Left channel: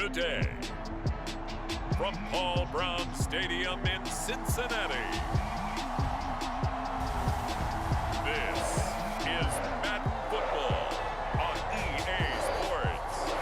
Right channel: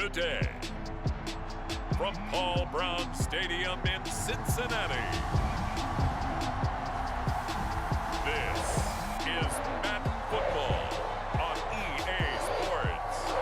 today. From Paul Brown Stadium in Cincinnati, this is Madden Football on EA Sports.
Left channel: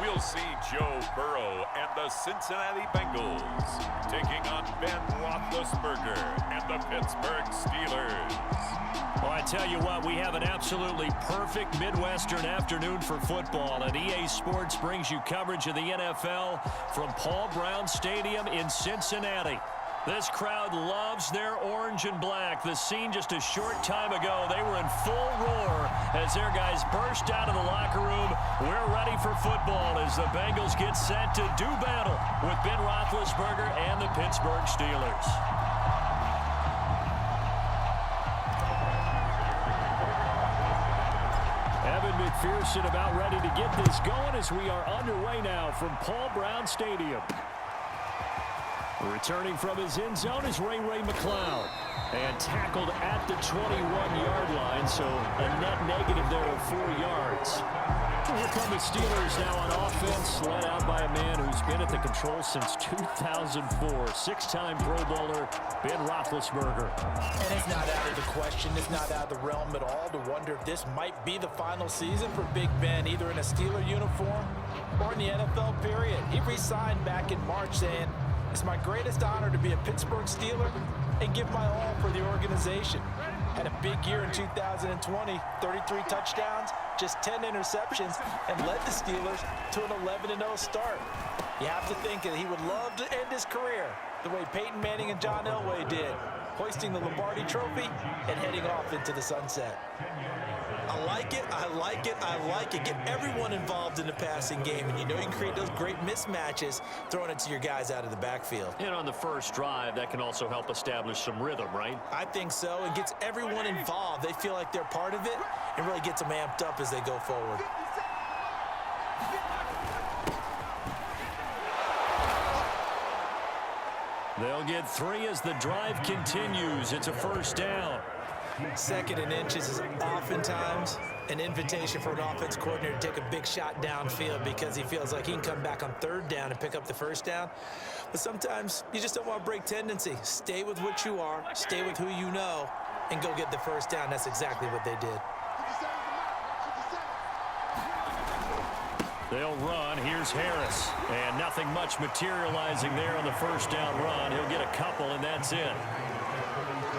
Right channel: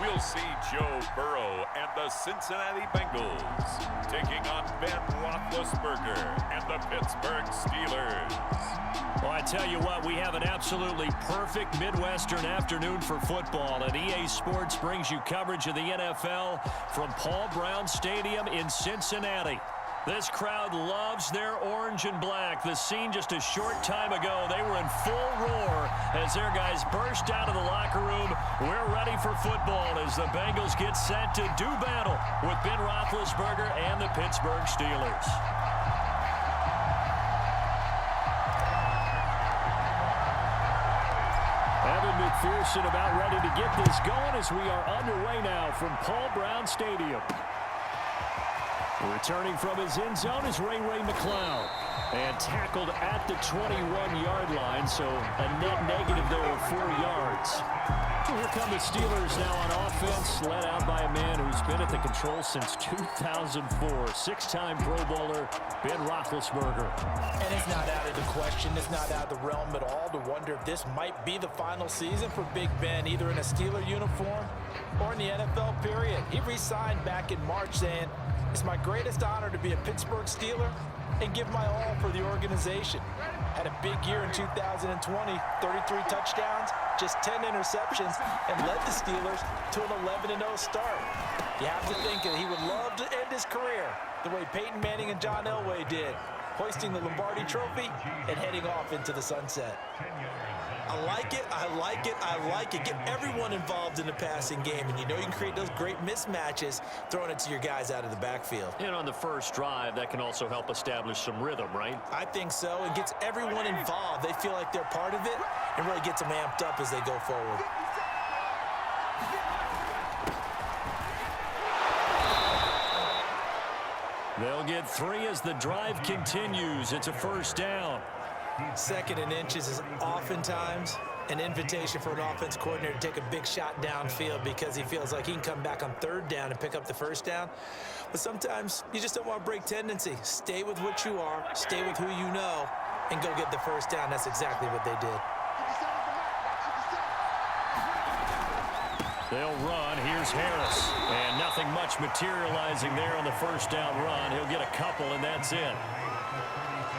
We'll see Joe Burrow and the Cincinnati Bengals taking on Ben Roethlisberger and the Pittsburgh Steelers. Well, I tell you what, we have an absolutely perfect Midwestern afternoon for football, and EA Sports brings you coverage of the NFL from Paul Brown Stadium in Cincinnati. This crowd loves their orange and black. The scene just a short time ago, they were in full roar as their guys burst out of the locker room. We're ready for football as the Bengals get set to do battle with Ben Roethlisberger and the Pittsburgh Steelers. Evan McPherson about ready to get this going as we are underway now from Paul Brown Stadium. Returning from his end zone is Ray McCloud. And tackled at the 21-yard line, so a net negative there of 4 yards. Here come the Steelers now on offense, led out by a man who's been at the control since 2004. Six-time Pro Bowler, Ben Roethlisberger. And it's not out of the question, it's not out of the realm at all to wonder if this might be the final season for Big Ben, either in a Steeler uniform or in the NFL period. He re-signed back in March saying, "It's my greatest honor to be a Pittsburgh Steeler and give my all for the organization." Had a big year in 2020, 33 touchdowns, just 10 interceptions, and led the Steelers to an 11-0 start. You have to think that he would love to end his career the way Peyton Manning and John Elway did, hoisting the Lombardi Trophy and heading off into the sunset. I like it, I like it, I like it. Get everyone involved in the passing game, and you know you can create those great mismatches throwing it to your guys out of the backfield. And on the first drive, that can also help establish some rhythm, right? I think so. It gets everyone involved. They feel like they're part of it and really gets them amped up as they go forward. They'll get 3 as the drive continues. It's a first down. Second and inches is oftentimes an invitation for an offense coordinator to take a big shot downfield because he feels like he can come back on third down and pick up the first down. But sometimes you just don't want to break tendency. Stay with what you are, stay with who you know, and go get the first down. That's exactly what they did. They'll run. Here's Harris. And nothing much materializing there on the first down run. He'll get a couple, and that's it.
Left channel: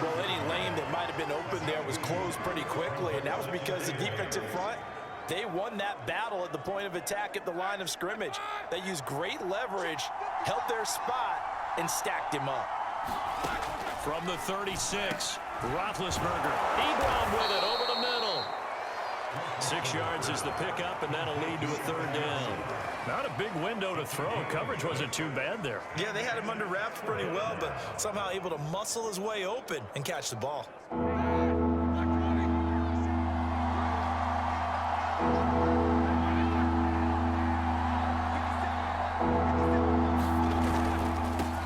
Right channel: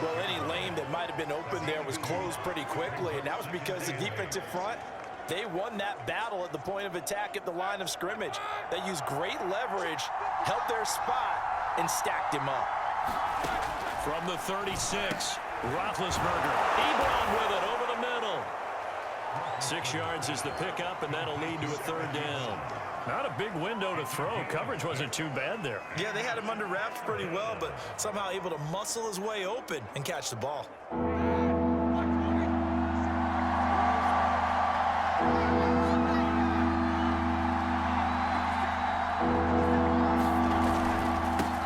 Well, any lane that might have been open there was closed pretty quickly, and that was because the defensive front, they won that battle at the point of attack at the line of scrimmage. They used great leverage, held their spot, and stacked him up. From the 36, Roethlisberger. Ebron with it over the middle. 6 yards is the pickup, and that'll lead to a third down. Not a big window to throw. Coverage wasn't too bad there. Yeah, they had him under wraps pretty well, but somehow able to muscle his way open and catch the ball.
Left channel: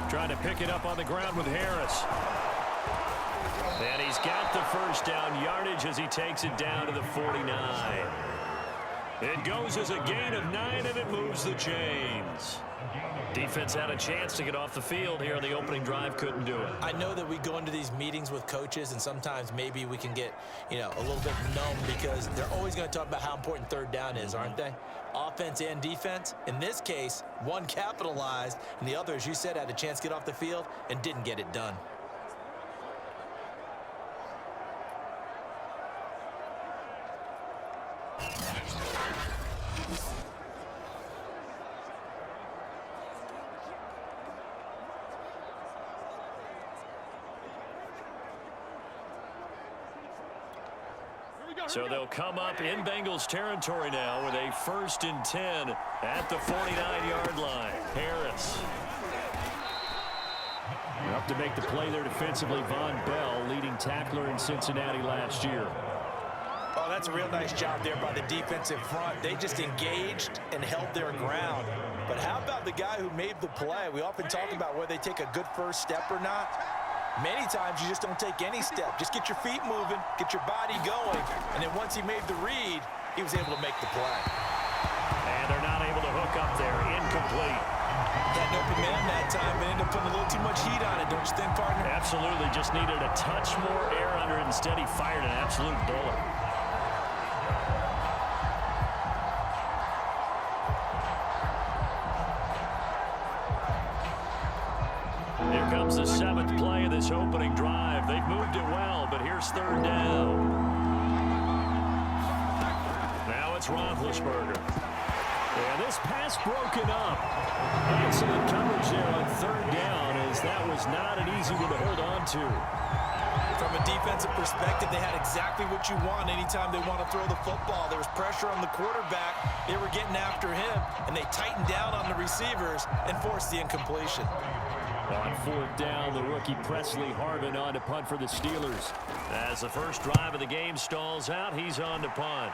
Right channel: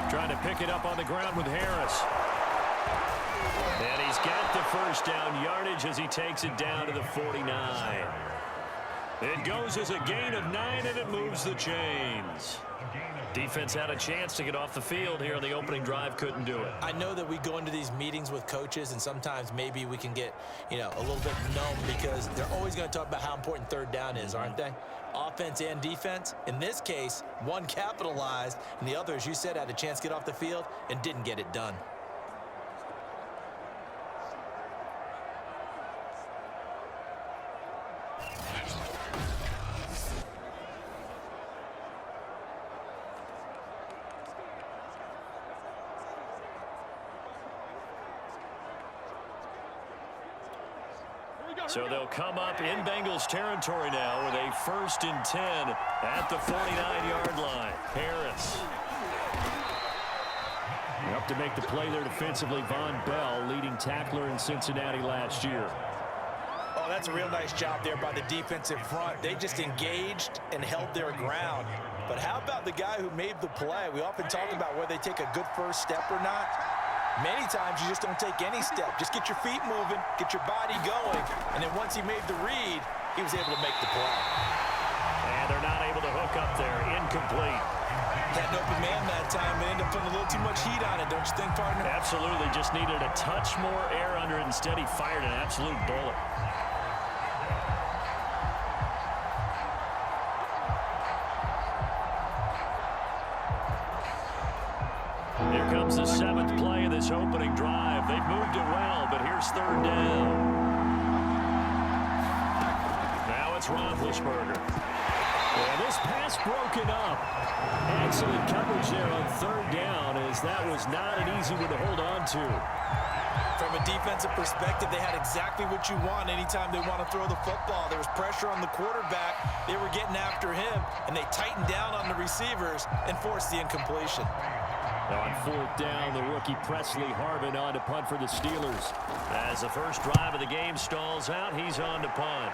Trying to pick it up on the ground with Harris. And he's got the first down yardage as he takes it down to the 49. It goes as a gain of 9, and it moves the chains. Defense had a chance to get off the field here on the opening drive, couldn't do it. I know that we go into these meetings with coaches, and sometimes maybe we can get, a little bit numb because they're always going to talk about how important third down is, aren't they? Offense and defense. In this case, one capitalized, and the other, as you said, had a chance to get off the field and didn't get it done. So they'll come up in Bengals territory now with a 1st and 10 at the 49-yard line. Harris. Up to make the play there defensively, Von Bell, leading tackler in Cincinnati last year. Oh, that's a real nice job there by the defensive front. They just engaged and held their ground. But how about the guy who made the play? We often talk about whether they take a good first step or not. Many times you just don't take any step. Just get your feet moving, get your body going, and then once he made the read, he was able to make the play. And they're not able to hook up there. Incomplete. Had an open man that time, but ended up putting a little too much heat on it, don't you think, partner? Absolutely. Just needed a touch more air under it. Instead, he fired an absolute bullet. Here comes the 7th play of this opening drive. They've moved it well, but here's 3rd down. Now it's Roethlisberger. And this pass broken up. Excellent coverage there on 3rd down, as that was not an easy one to hold on to. From a defensive perspective, they had exactly what you want anytime they want to throw the football. There was pressure on the quarterback. They were getting after him, and they tightened down on the receivers and forced the incompletion. On 4th down, the rookie Presley Harvin on to punt for the Steelers. As the first drive of the game stalls out, he's on to punt.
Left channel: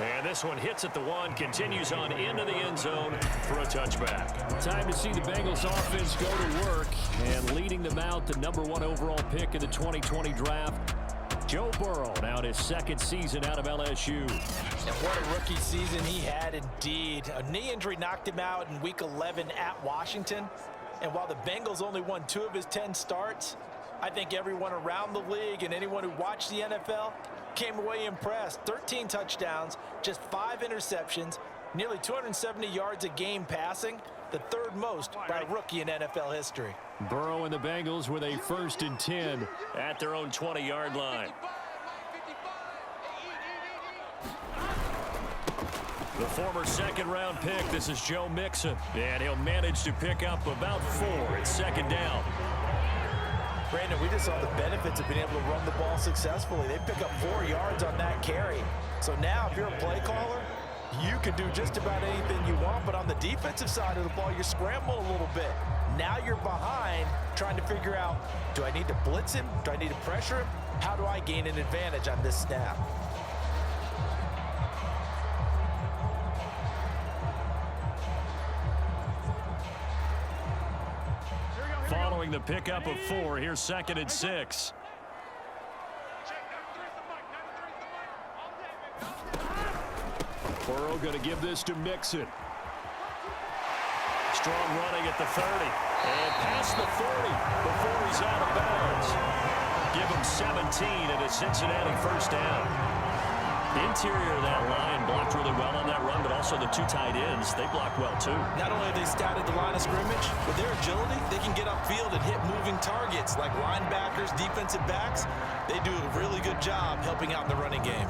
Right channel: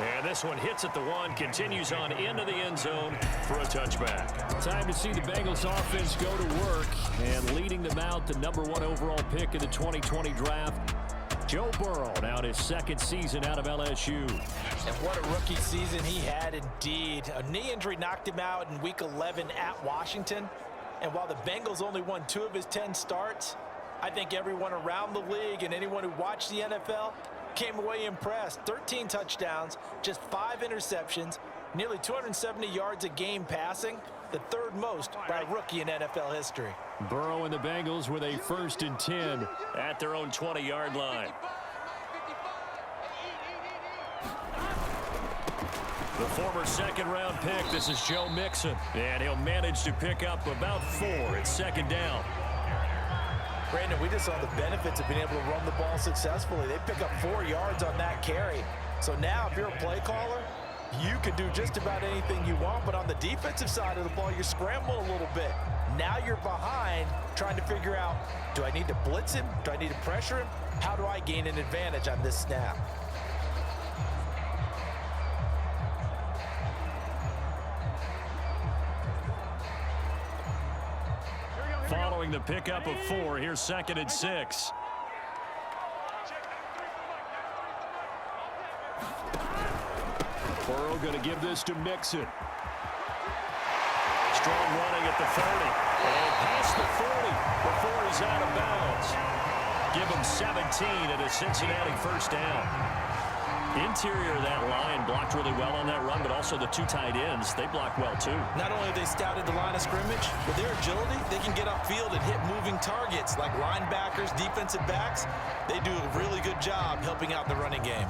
And this one hits at the 1, continues on into the end zone for a touchback. Time to see the Bengals offense go to work, and leading them out, the #1 overall pick in the 2020 draft, Joe Burrow, now in his 2nd season out of LSU. And what a rookie season he had indeed. A knee injury knocked him out in Week 11 at Washington. And while the Bengals only won 2 of his 10 starts, I think everyone around the league and anyone who watched the NFL came away impressed. 13 touchdowns, just 5 interceptions, nearly 270 yards a game passing, the 3rd most by a rookie in NFL history. Burrow and the Bengals with a 1st and 10 at their own 20-yard line. The former 2nd-round pick, this is Joe Mixon, and he'll manage to pick up about 4 at 2nd down. Brandon, we just saw the benefits of being able to run the ball successfully. They pick up 4 yards on that carry. So now if you're a play caller, you can do just about anything you want, but on the defensive side of the ball, you're scrambling a little bit. Now you're behind trying to figure out, do I need to blitz him? Do I need to pressure him? How do I gain an advantage on this snap? Following the pickup of 4, here's 2nd and 6. Burrow going to give this to Mixon. Strong running at the 30. And past the 40 before he's out of bounds. Give him 17 and a Cincinnati 1st down. Interior of that line blocked really well on that run, but also the 2 tight ends, they blocked well too. Not only have they scouted the line of scrimmage, with their agility, they can get upfield and hit moving targets like linebackers, defensive backs. They do a really good job helping out in the running game.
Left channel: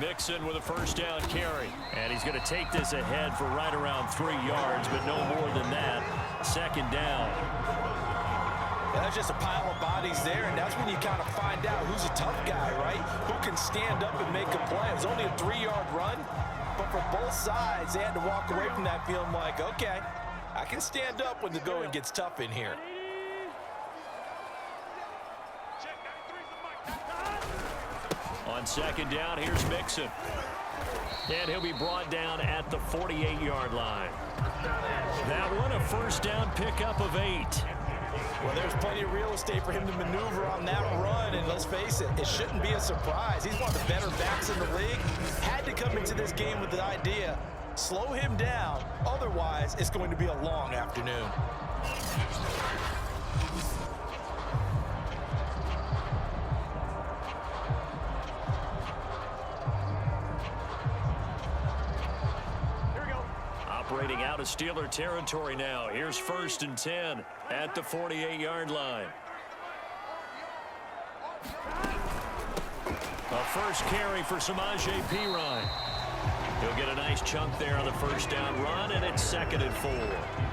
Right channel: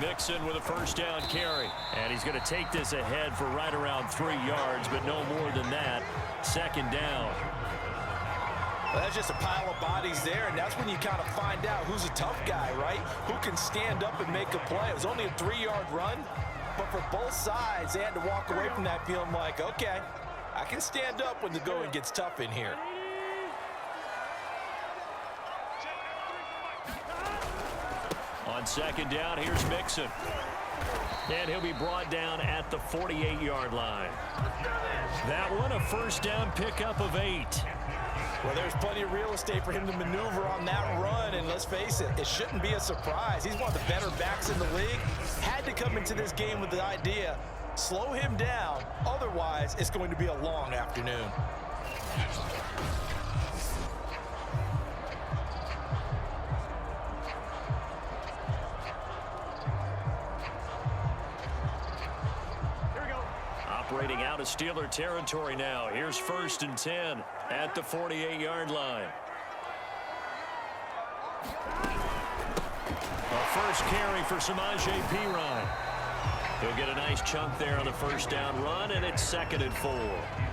Mixon with a 1st down carry. And he's going to take this ahead for right around 3 yards, but no more than that. 2nd down. Well, that's just a pile of bodies there, and that's when you kind of find out who's a tough guy, right? Who can stand up and make a play. It was only a 3-yard run, but for both sides, they had to walk away from that feeling like, okay, I can stand up when the going gets tough in here. On 2nd down, here's Mixon. And he'll be brought down at the 48-yard line. That one, a 1st down pickup of 8. Well, there's plenty of real estate for him to maneuver on that run, and let's face it, it shouldn't be a surprise. He's one of the better backs in the league. Had to come into this game with the idea, slow him down, otherwise it's going to be a long afternoon. Operating out of Steeler territory now. Here's 1st and 10 at the 48-yard line. A 1st carry for Samaje Perine. He'll get a nice chunk there on the first down run, and it's 2nd and 4.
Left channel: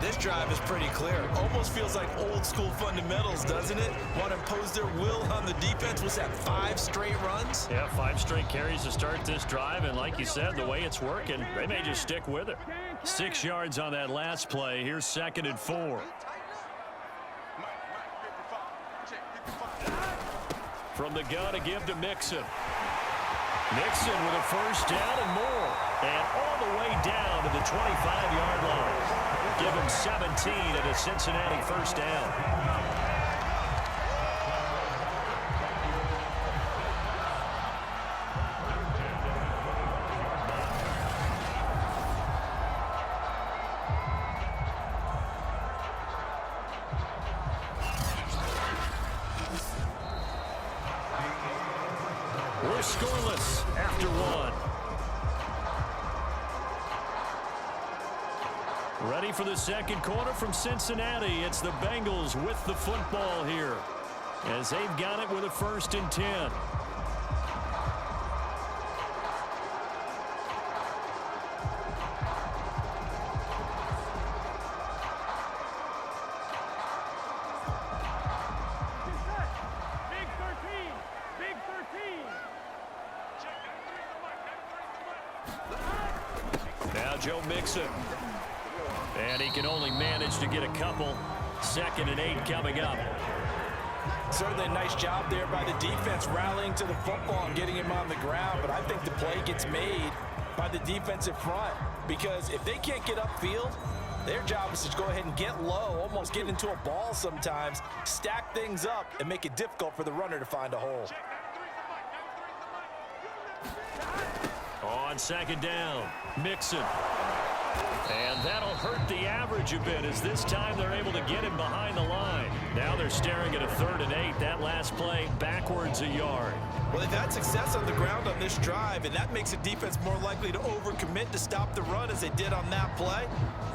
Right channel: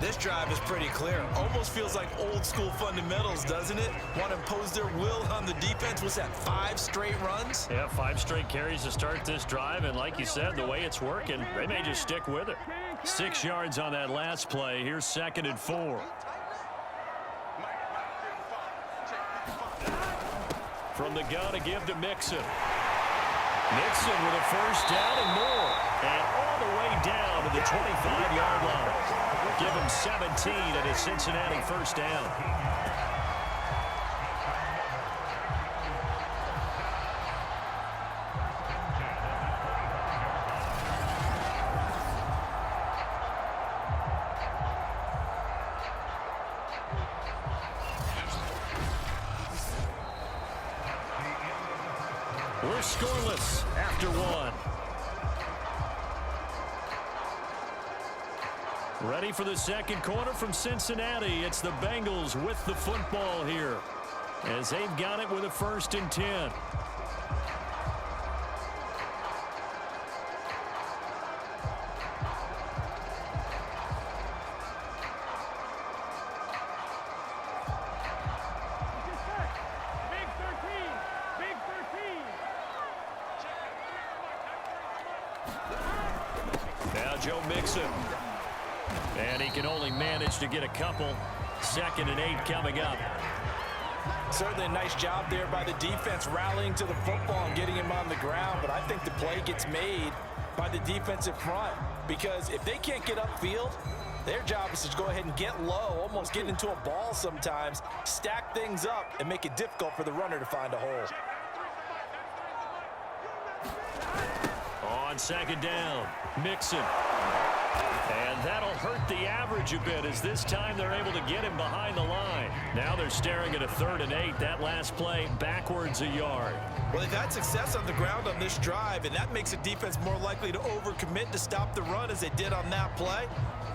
This drive is pretty clear. Almost feels like old school fundamentals, doesn't it? Want to impose their will on the defense. What's that, 5 straight runs? Yeah, 5 straight carries to start this drive, and like you said, the way it's working, they may just stick with it. 6 yards on that last play. Here's 2nd and 4. From the gun to give to Mixon. Mixon with a first down and more. And all the way down to the 25-yard line. Give him 17 and a Cincinnati first down. We're scoreless after 1. Ready for the second quarter from Cincinnati. It's the Bengals with the football here as they've got it with a 1st and 10. Now Joe Mixon. And he can only manage to get a couple. 2nd and 8 coming up. Certainly a nice job there by the defense rallying to the football and getting him on the ground. But I think the play gets made by the defensive front. Because if they can't get upfield, their job is to go ahead and get low, almost get into a ball sometimes, stack things up, and make it difficult for the runner to find a hole. On 2nd down, Mixon. And that'll hurt the average a bit as this time they're able to get him behind the line. Now they're staring at a 3rd and 8. That last play backwards a yard. Well, they've had success on the ground on this drive, and that makes a defense more likely to overcommit to stop the run as they did on that play.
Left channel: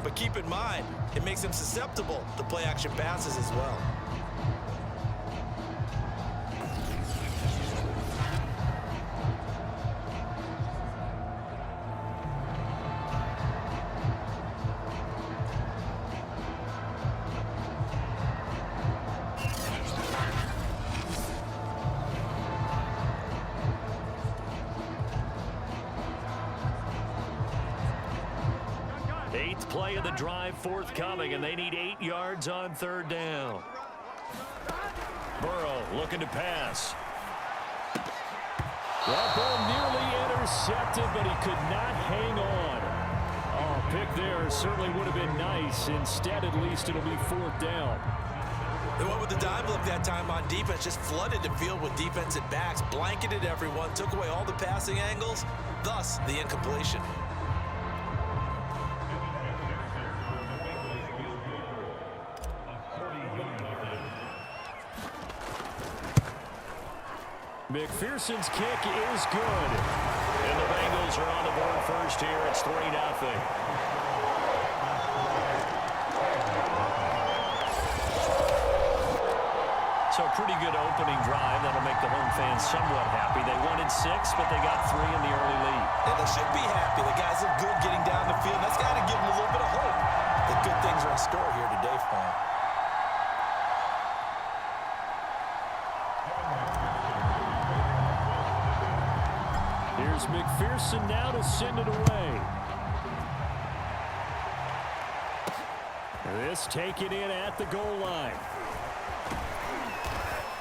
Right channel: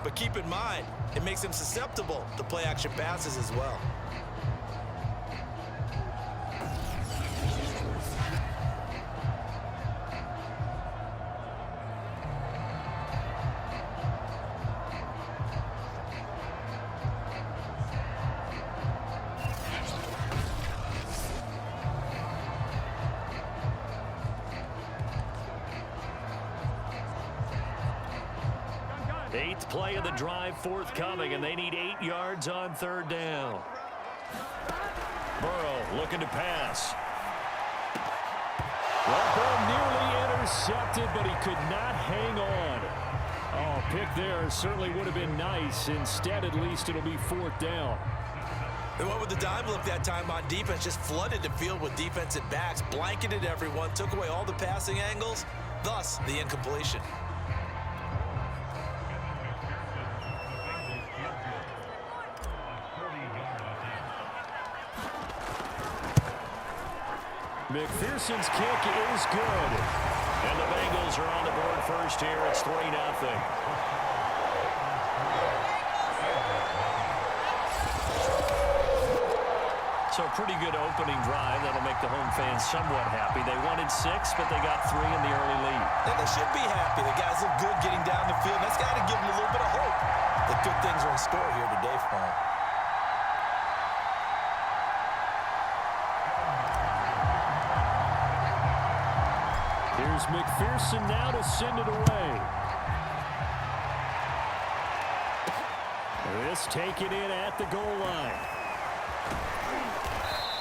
But keep in mind, it makes them susceptible to play-action passes as well. Eighth play of the drive forthcoming, and they need 8 yards on 3rd down. Burrow looking to pass. That ball nearly intercepted, but he could not hang on. Oh, pick there certainly would have been nice. Instead, at least it'll be 4th down. They went with the dime look that time on defense, just flooded the field with defensive backs, blanketed everyone, took away all the passing angles, thus the incompletion. McPherson's kick is good. And the Bengals are on the board first here. It's 3-0. So a pretty good opening drive. That'll make the home fans somewhat happy. They wanted 6, but they got 3 in the early lead. And they should be happy. The guys look good getting down the field. That's got to give them a little bit of hope that good things are in store here today for them. Here's McPherson now to send it away. This taken in at the goal line.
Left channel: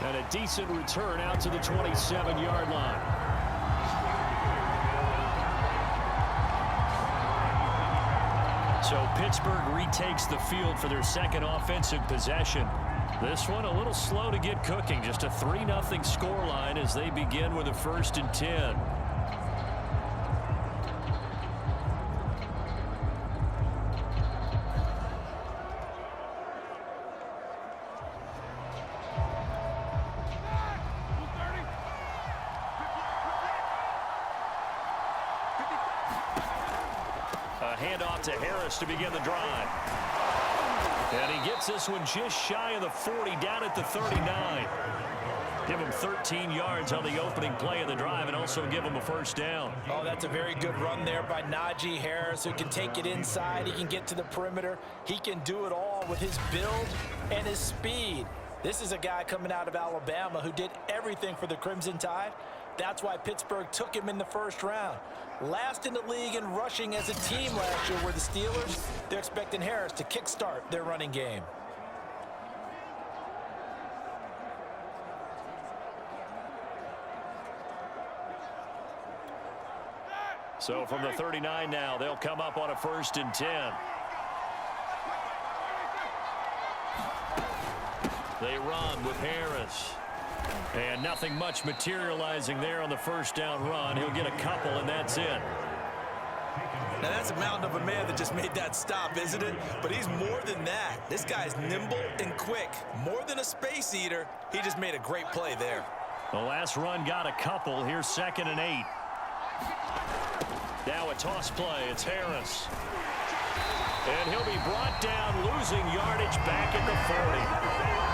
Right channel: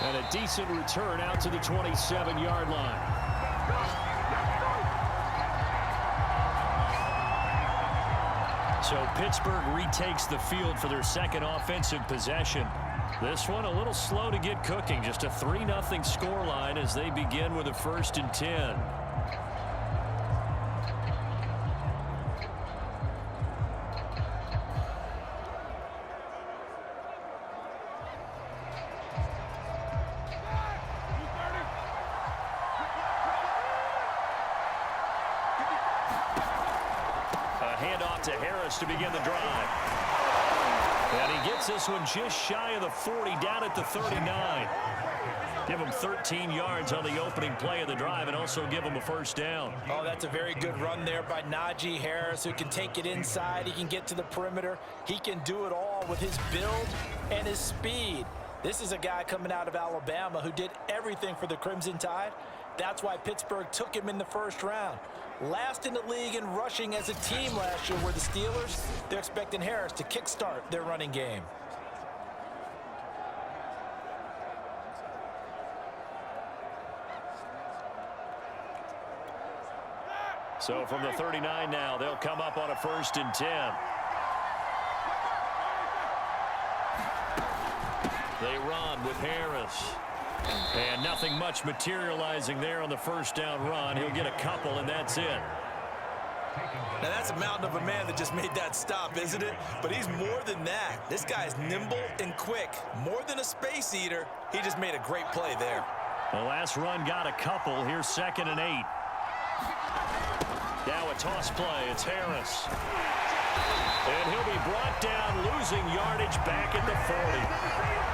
And a decent return out to the 27-yard line. So Pittsburgh retakes the field for their second offensive possession. This one a little slow to get cooking. Just a 3-0 scoreline as they begin with a 1st and 10. Handoff to Harris to begin the drive. And he gets this one just shy of the 40, down at the 39. Give them 13 yards on the opening play of the drive and also give them a first down. Oh, that's a very good run there by Najee Harris, who can take it inside. He can get to the perimeter. He can do it all with his build and his speed. This is a guy coming out of Alabama who did everything for the Crimson Tide. That's why Pittsburgh took him in the first round. Last in the league in rushing as a team last year were the Steelers. They're expecting Harris to kickstart their running game. So from the 39 now, they'll come up on a 1st and 10. They run with Harris. And nothing much materializing there on the first down run. He'll get a couple, and that's it. Now, that's a mountain of a man that just made that stop, isn't it? But he's more than that. This guy's nimble and quick. More than a space eater, he just made a great play there. The last run got a couple. Here's 2nd and 8. Now a toss play. It's Harris. And he'll be brought down, losing yardage back at the 40.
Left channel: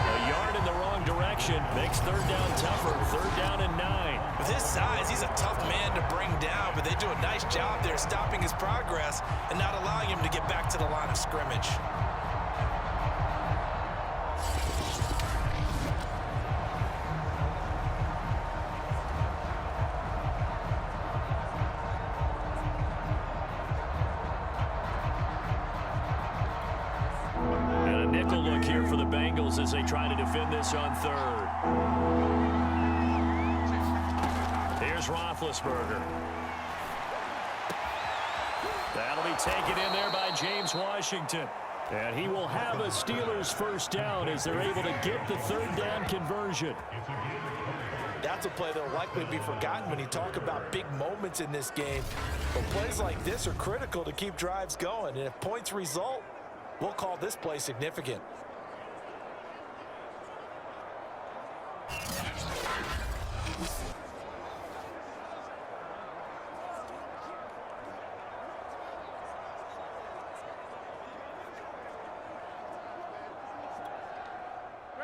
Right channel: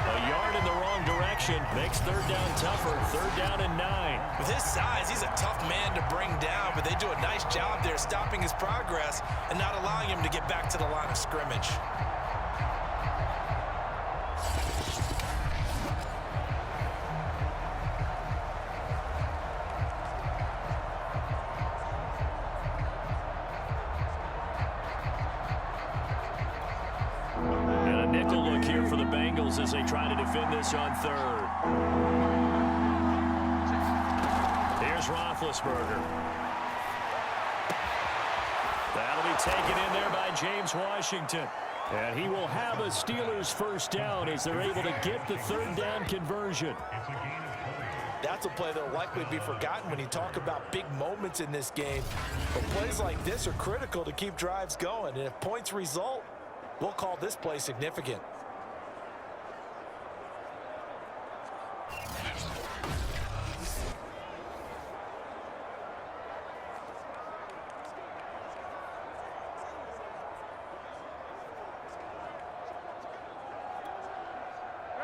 A yard in the wrong direction makes 3rd down tougher. 3rd down and 9. With his size, he's a tough man to bring down, but they do a nice job there stopping his progress and not allowing him to get back to the line of scrimmage. For the Bengals as they try to defend this on 3rd. Here's Roethlisberger. That'll be taken in there by James Washington. And he will have a Steelers first down as they're able to get the 3rd down conversion. That's a play that will likely be forgotten when you talk about big moments in this game. But plays like this are critical to keep drives going. And if points result, we'll call this play significant.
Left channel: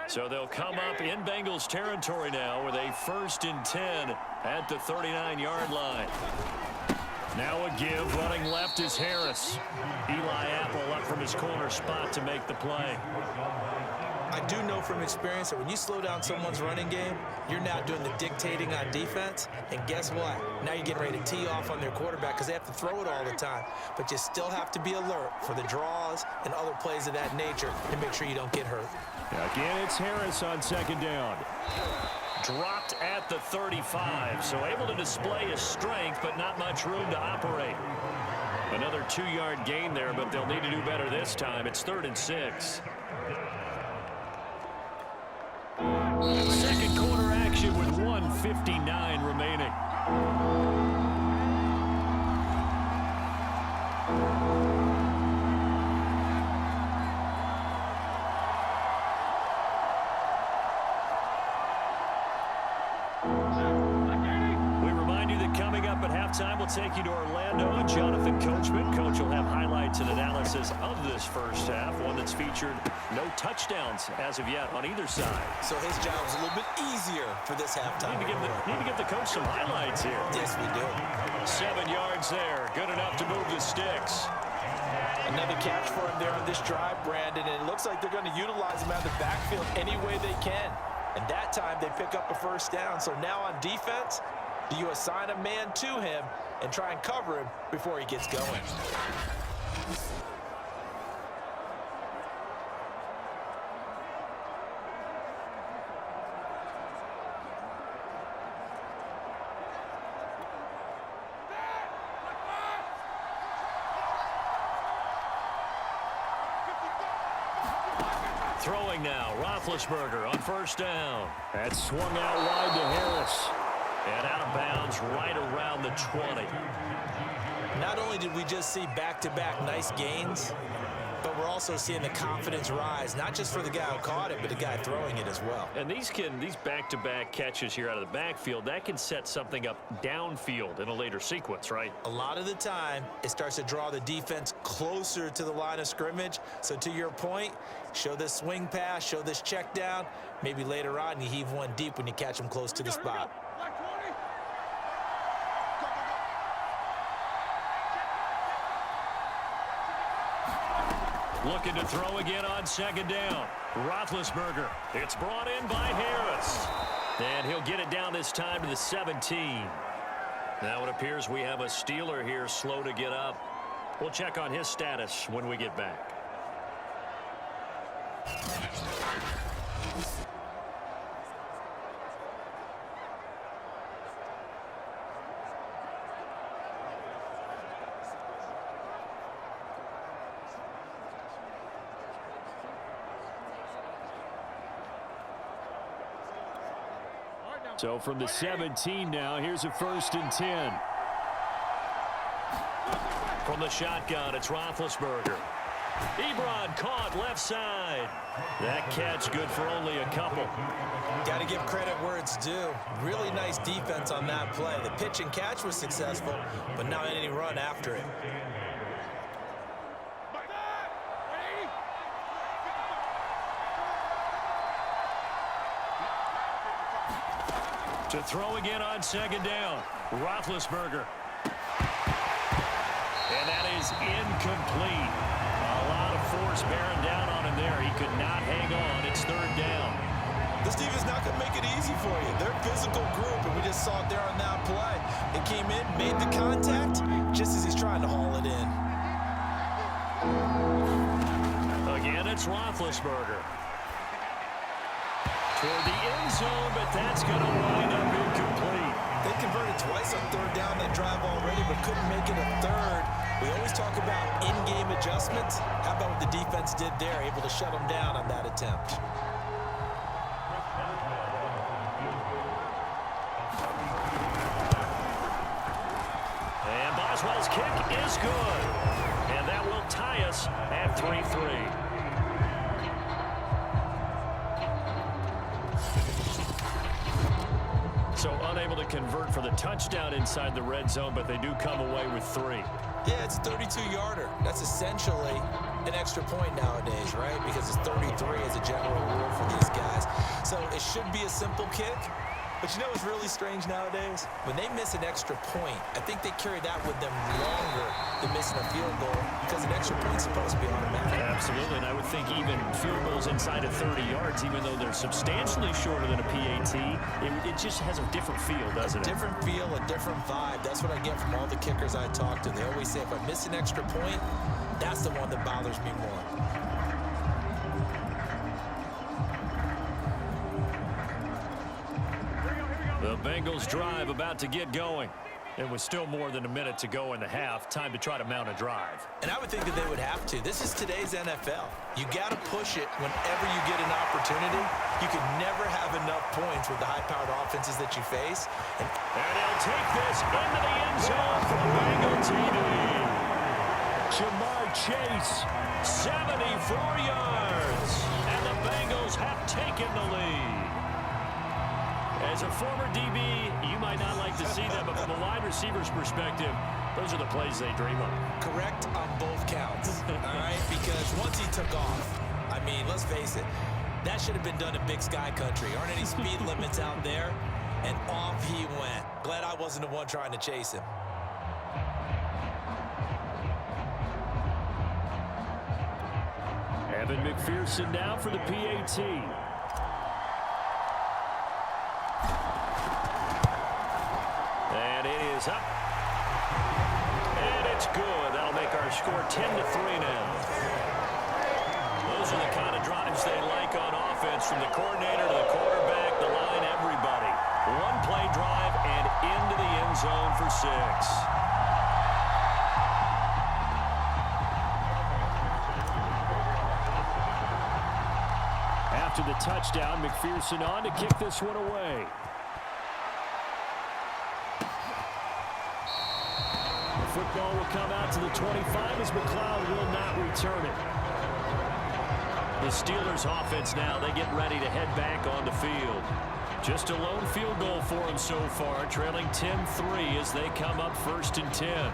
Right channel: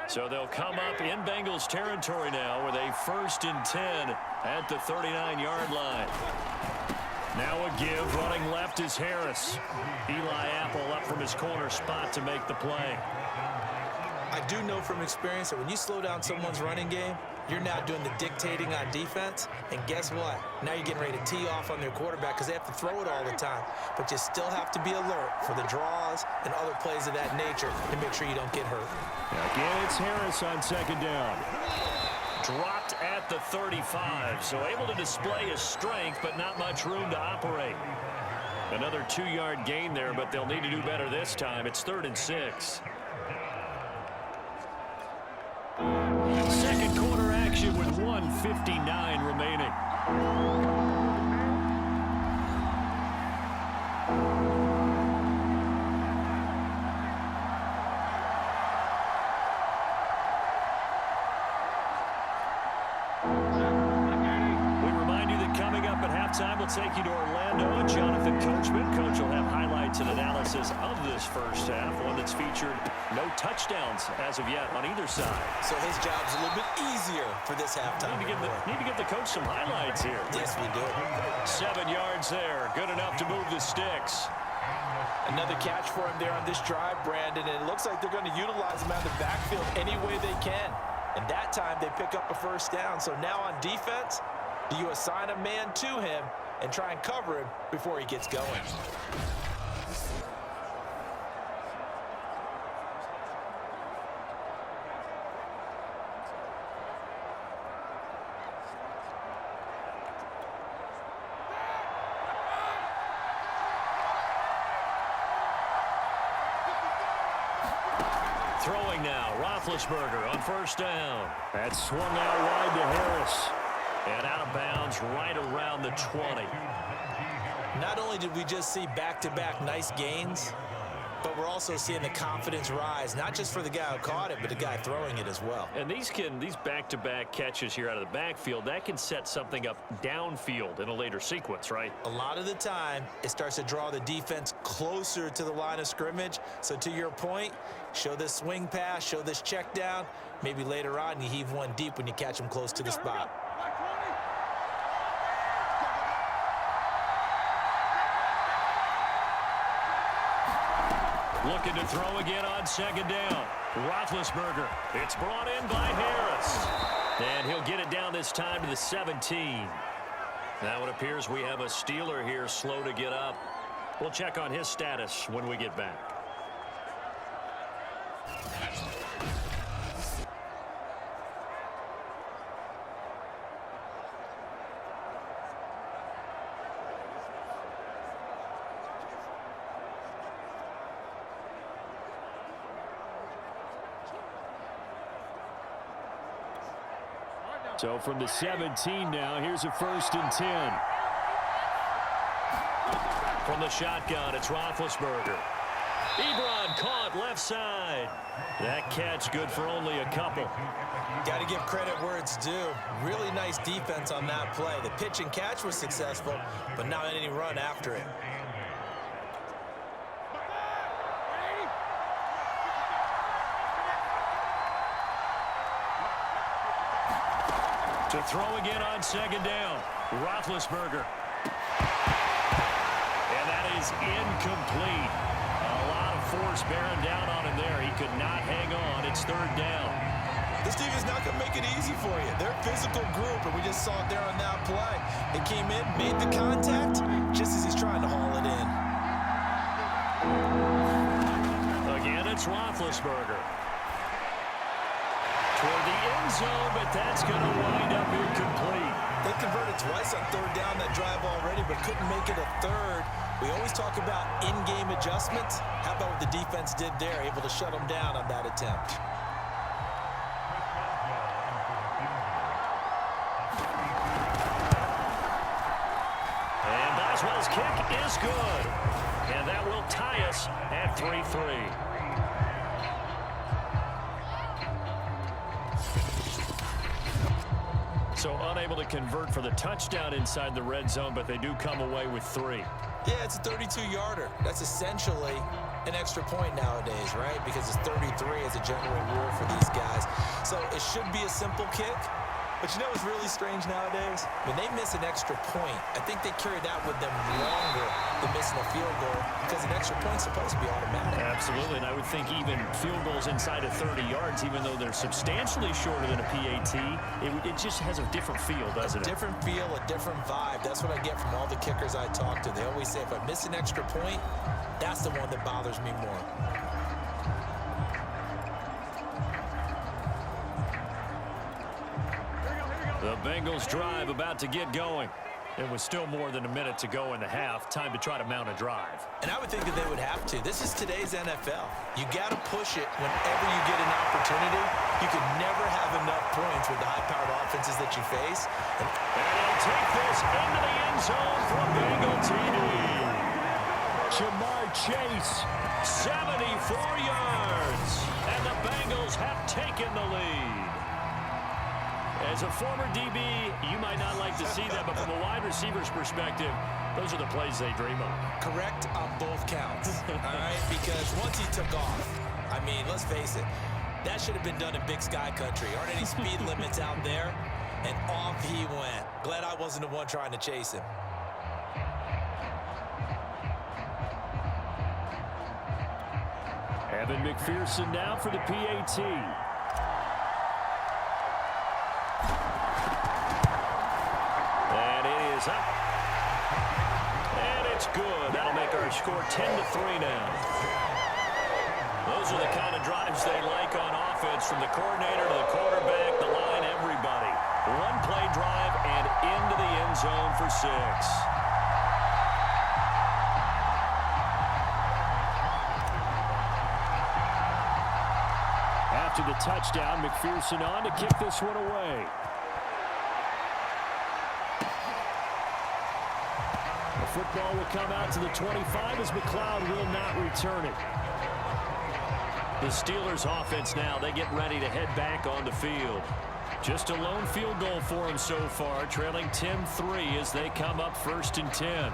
So they'll come up in Bengals territory now with a 1st and 10 at the 39-yard line. Now a give. Running left is Harris. Eli Apple up from his corner spot to make the play. I do know from experience that when you slow down someone's running game, you're now doing the dictating on defense. And guess what? Now you're getting ready to tee off on their quarterback because they have to throw it all the time. But you still have to be alert for the draws and other plays of that nature to make sure you don't get hurt. Again, it's Harris on 2nd down. Dropped at the 35, so able to display his strength, but not much room to operate. Another 2-yard gain there, but they'll need to do better this time. It's 3rd and 6. Second quarter action with 1:59 remaining. Halftime, we'll take you to Orlando and Jonathan Coachman. Coach will have highlights and analysis of this first half, one that's featured no touchdowns as of yet on either side. So his job's a little bit easier for this halftime. Need to give the coach some highlights here. Yes, we do. 7 yards there, good enough to move the sticks. Another catch for him there on this drive, Brandon, and it looks like they're going to utilize him out of the backfield any way they can. And that time they pick up a first down. So now on defense, do you assign a man to him and try and cover him before he gets going? Throwing now, Roethlisberger on 1st down. That's swung out wide to Harris. And out of bounds right around the 20. Not only did we just see back-to-back nice gains, but we're also seeing the confidence rise, not just for the guy who caught it, but the guy throwing it as well. And these back-to-back catches here out of the backfield, that can set something up downfield in a later sequence, right? A lot of the time, it starts to draw the defense closer to the line of scrimmage. So to your point, show this swing pass, show this check down. Maybe later on, you heave one deep when you catch them close to the spot. Looking to throw again on second down. Roethlisberger. It's brought in by Harris. And he'll get it down this time to the 17. Now it appears we have a Steeler here slow to get up. We'll check on his status when we get back. So from the 17 now, here's a 1st and 10. From the shotgun, it's Roethlisberger. Ebron caught left side. That catch good for only a couple. Got to give credit where it's due. Really nice defense on that play. The pitch and catch was successful, but not any run after it. To throw again on second down. Roethlisberger. And that is incomplete. A lot of force bearing down on him there. He could not hang on. It's 3rd down. This defense is not going to make it easy for you. They're a physical group, and we just saw it there on that play. It came in, made the contact, just as he's trying to haul it in. Again, it's Roethlisberger. Toward the end zone, but that's going to wind up incomplete. They converted twice on 3rd down that drive already, but couldn't make it a 3rd. We always talk about in-game adjustments. How about what the defense did there, able to shut them down on that attempt? And Boswell's kick is good. And that will tie us at 3-3. So unable to convert for the touchdown inside the red zone, but they do come away with 3. Yeah, it's a 32-yarder. That's essentially an extra point nowadays, right? Because it's 33 as a general rule for these guys. So it should be a simple kick. But you know what's really strange nowadays? When they miss an extra point, I think they carry that with them longer than missing a field goal because an extra point's supposed to be automatic. Absolutely, and I would think even field goals inside of 30 yards, even though they're substantially shorter than a PAT, it just has a different feel, doesn't it? A different feel, a different vibe. That's what I get from all the kickers I talk to. They always say if I miss an extra point, that's the one that bothers me more. The Bengals drive about to get going. It was still more than a minute to go in the half. Time to try to mount a drive. And I would think that they would have to. This is today's NFL. You got to push it whenever you get an opportunity. You can never have enough points with the high-powered offenses that you face. And he'll take this into the end zone for a Bengal TD. Jamar Chase, 74 yards. And the Bengals have taken the lead. As a former DB, you might not like to see that, but from a wide receiver's perspective, those are the plays they dream of. Correct on both counts, all right? Because once he took off, I mean, let's face it, that should have been done in Big Sky Country. Aren't any speed limits out there? And off he went. Glad I wasn't the one trying to chase him. Evan McPherson now for the PAT. And it is up. And it's good. That'll make our score 10-3 now. Those are the kind of drives they like on offense, from the coordinator to the quarterback, the line, everybody. One play drive and into the end zone for 6. After the touchdown, McPherson on to kick this one away. The football will come out to the 25 as McLeod will not return it. The Steelers offense now, they get ready to head back on the field. Just a lone field goal for them so far, trailing 10-3 as they come up 1st and 10.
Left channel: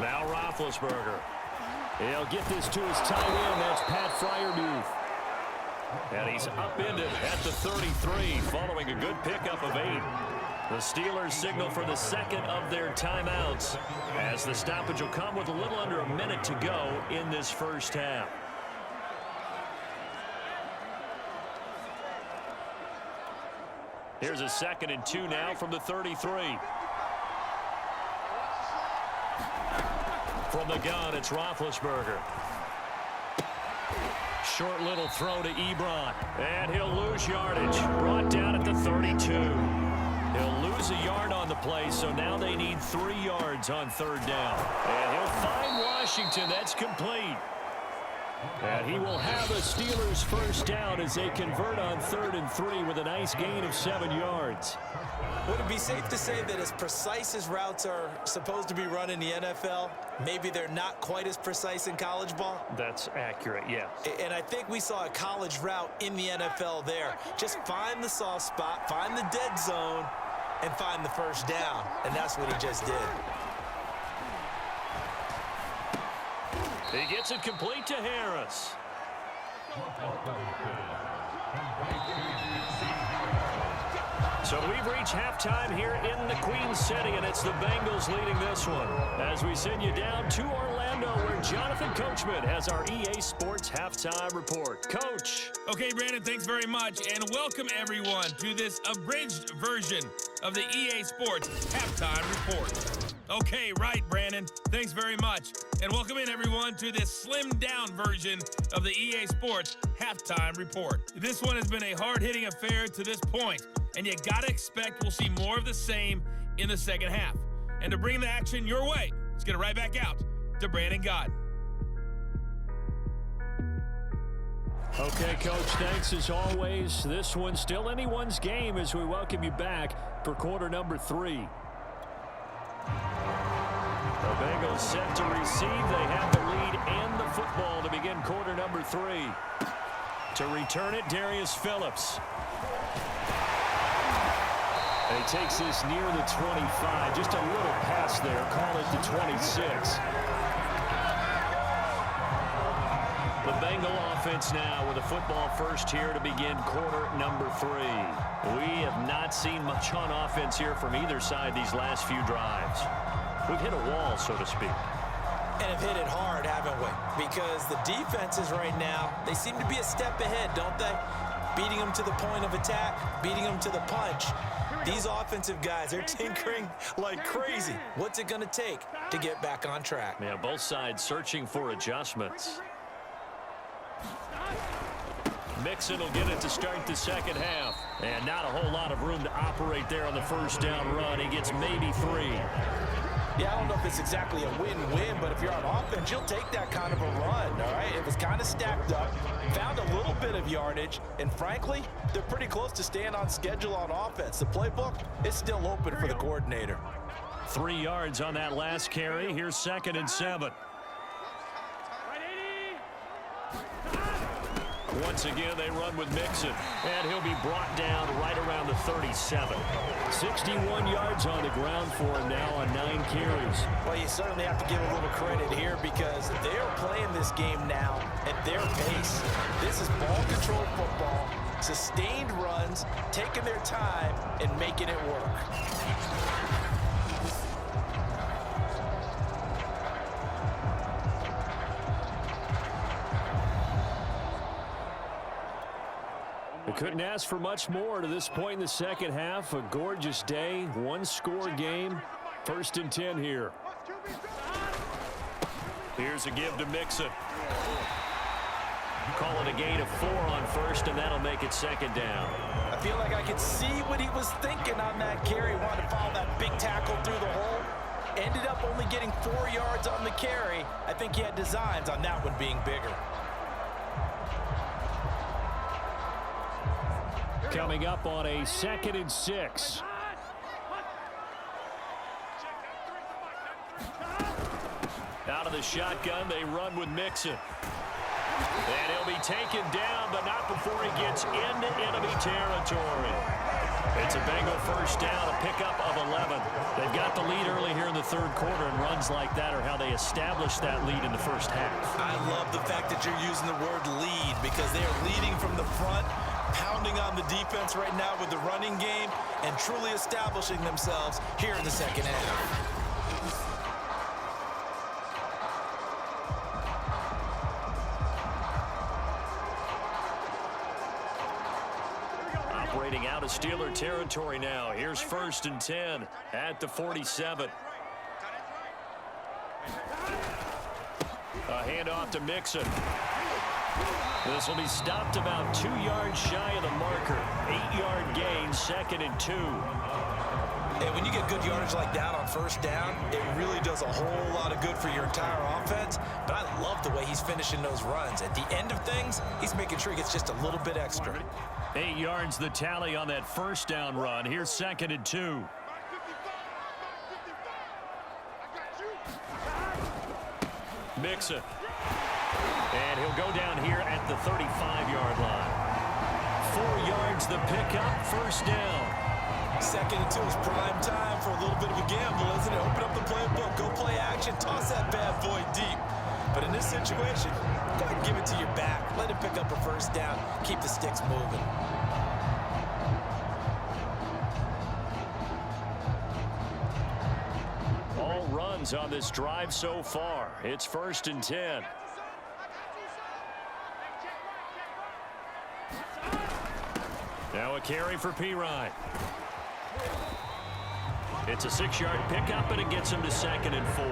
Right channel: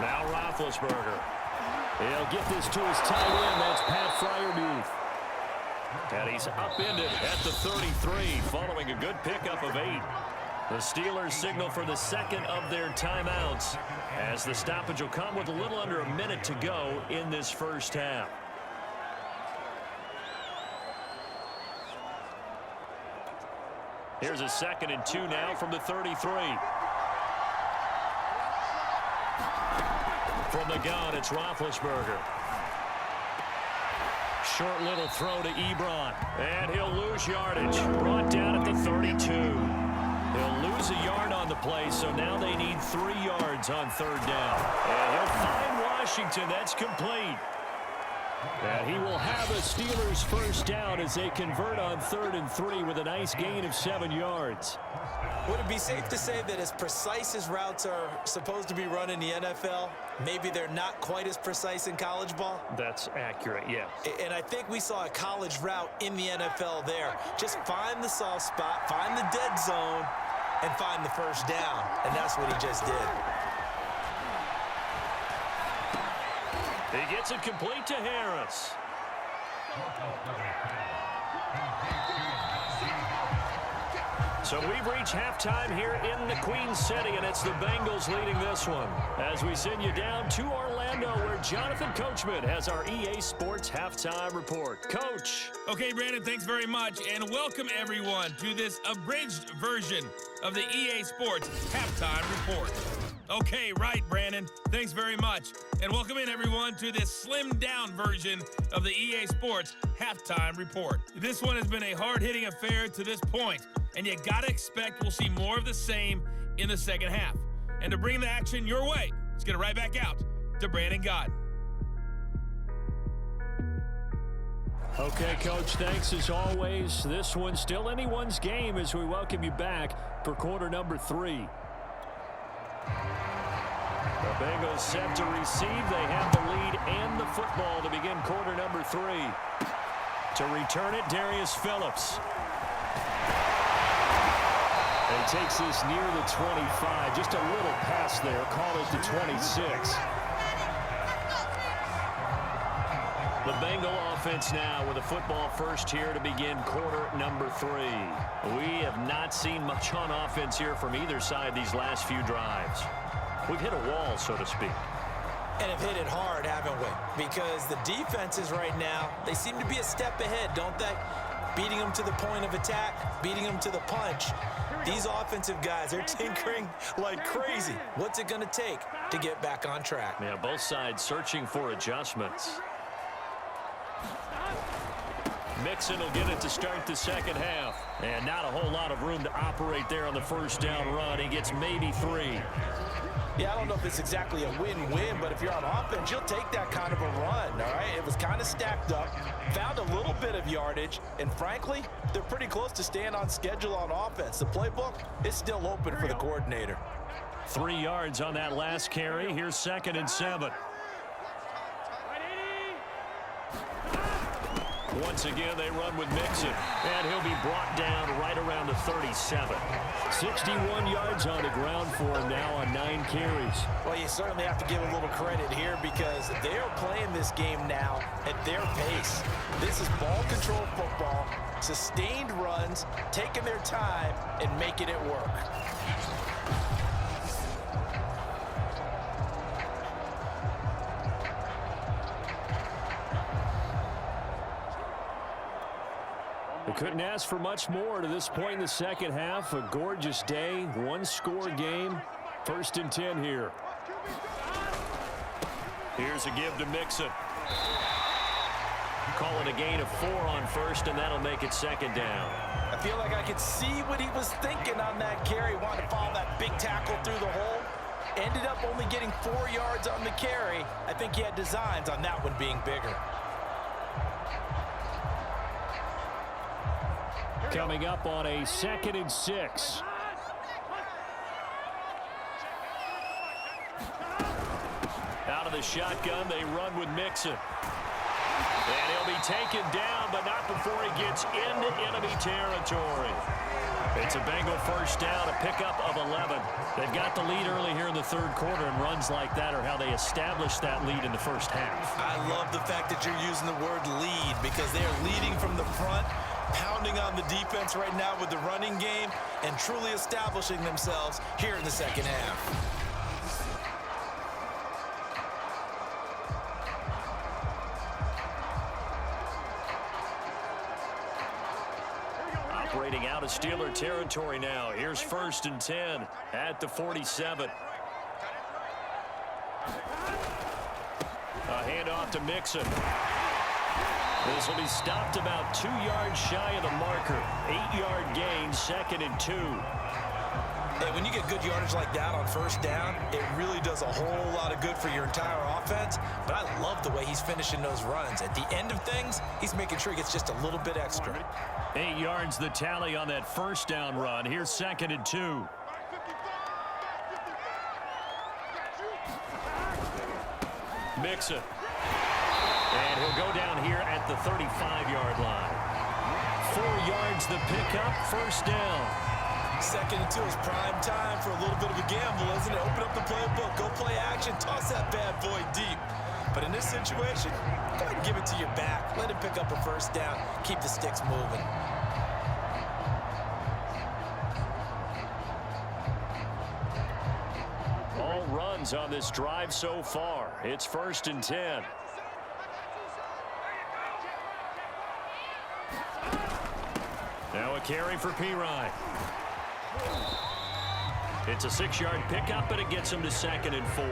Now Roethlisberger. He'll get this to his tight end. That's Pat Freiermuth. And he's upended at the 33 following a good pickup of 8. The Steelers signal for the second of their timeouts as the stoppage will come with a little under a minute to go in this first half. Here's a 2nd and 2 now from the 33. From the gun, it's Roethlisberger. Short little throw to Ebron. And he'll lose yardage. Brought down at the 32. He'll lose a yard on the play, so now they need 3 yards on 3rd down. And he'll find Washington. That's complete. And he will have a Steelers first down as they convert on 3rd and 3 with a nice gain of 7 yards. Would it be safe to say that as precise as routes are supposed to be run in the NFL, maybe they're not quite as precise in college ball? That's accurate, yes. And I think we saw a college route in the NFL there. Just find the soft spot, find the dead zone, and find the first down. And that's what he just did. He gets it complete to Harris. So we've reached halftime here in the Queen City, and it's the Bengals leading this one. As we send you down to Orlando, where Jonathan Coachman has our EA Sports Halftime Report. Coach. Okay, Brandon, thanks very much, and welcome everyone to this abridged version of the EA Sports Halftime Report. Okay, right, Brandon. Thanks very much. And welcome in, everyone, to this slimmed-down version of the EA Sports Halftime Report. This one has been a hard-hitting affair to this point, and you got to expect we'll see more of the same in the second half. And to bring the action your way, let's get it right back out to Brandon Godden. Okay, Coach, thanks as always. This one's still anyone's game as we welcome you back for quarter number 3. The Bengals set to receive. They have the lead and the football to begin quarter number 3. To return it, Darius Phillips. And he takes this near the 25. Just a little pass there. Call it the 26. The Bengal offense now with a football first here to begin quarter number 3. We have not seen much on offense here from either side these last few drives. We've hit a wall, so to speak. And have hit it hard, haven't we? Because the defenses right now, they seem to be a step ahead, don't they? Beating them to the point of attack, beating them to the punch. These offensive guys, they're tinkering like crazy. What's it going to take to get back on track? Yeah, both sides searching for adjustments. Mixon will get it to start the second half. And not a whole lot of room to operate there on the first down run. He gets maybe 3. Yeah, I don't know if it's exactly a win-win, but if you're on offense, you'll take that kind of a run, all right? It was kind of stacked up, found a little bit of yardage, and frankly, they're pretty close to staying on schedule on offense. The playbook is still open for the coordinator. 3 yards on that last carry. Here's 2nd and 7. Once again, they run with Mixon, and he'll be brought down right around the 37. 61 yards on the ground for him now on 9 carries. Well, you certainly have to give a little credit here because they are playing this game now at their pace. This is ball control football, sustained runs, taking their time, and making it work. They couldn't ask for much more to this point in the second half. A gorgeous day, 1-score game. 1st and 10 here. Here's a give to Mixon. Call it a gain of 4 on first, and that'll make it second down. I feel like I could see what he was thinking on that carry. Wanted to follow that big tackle through the hole. Ended up only getting 4 yards on the carry. I think he had designs on that one being bigger. Coming up on a 2nd and 6. Out of the shotgun, they run with Mixon. And he'll be taken down, but not before he gets into enemy territory. It's a Bengal first down, a pickup of 11. They've got the lead early here in the third quarter, and runs like that are how they establish that lead in the first half. I love the fact that you're using the word lead because they are leading from the front, pounding on the defense right now with the running game, and truly establishing themselves here in the second half. Operating out of Steeler territory now. Here's 1st and 10 at the 47. A handoff to Mixon. This will be stopped about 2 yards shy of the marker. 8-yard gain, 2nd and 2. And when you get good yardage like that on first down, it really does a whole lot of good for your entire offense. But I love the way he's finishing those runs. At the end of things, he's making sure he gets just a little bit extra. 8 yards the tally on that first down run. Here's 2nd and 2. Mixon. And he'll go down here at the 35-yard line. 4 yards the pickup, first down. 2nd and 2 is prime time for a little bit of a gamble, isn't it? Open up the playbook, go play action, toss that bad boy deep. But in this situation, go ahead and give it to your back. Let him pick up a first down. Keep the sticks moving. All runs on this drive so far. It's 1st and 10. Now a carry for Pirine. It's a 6-yard pickup, and it gets him to 2nd and 4.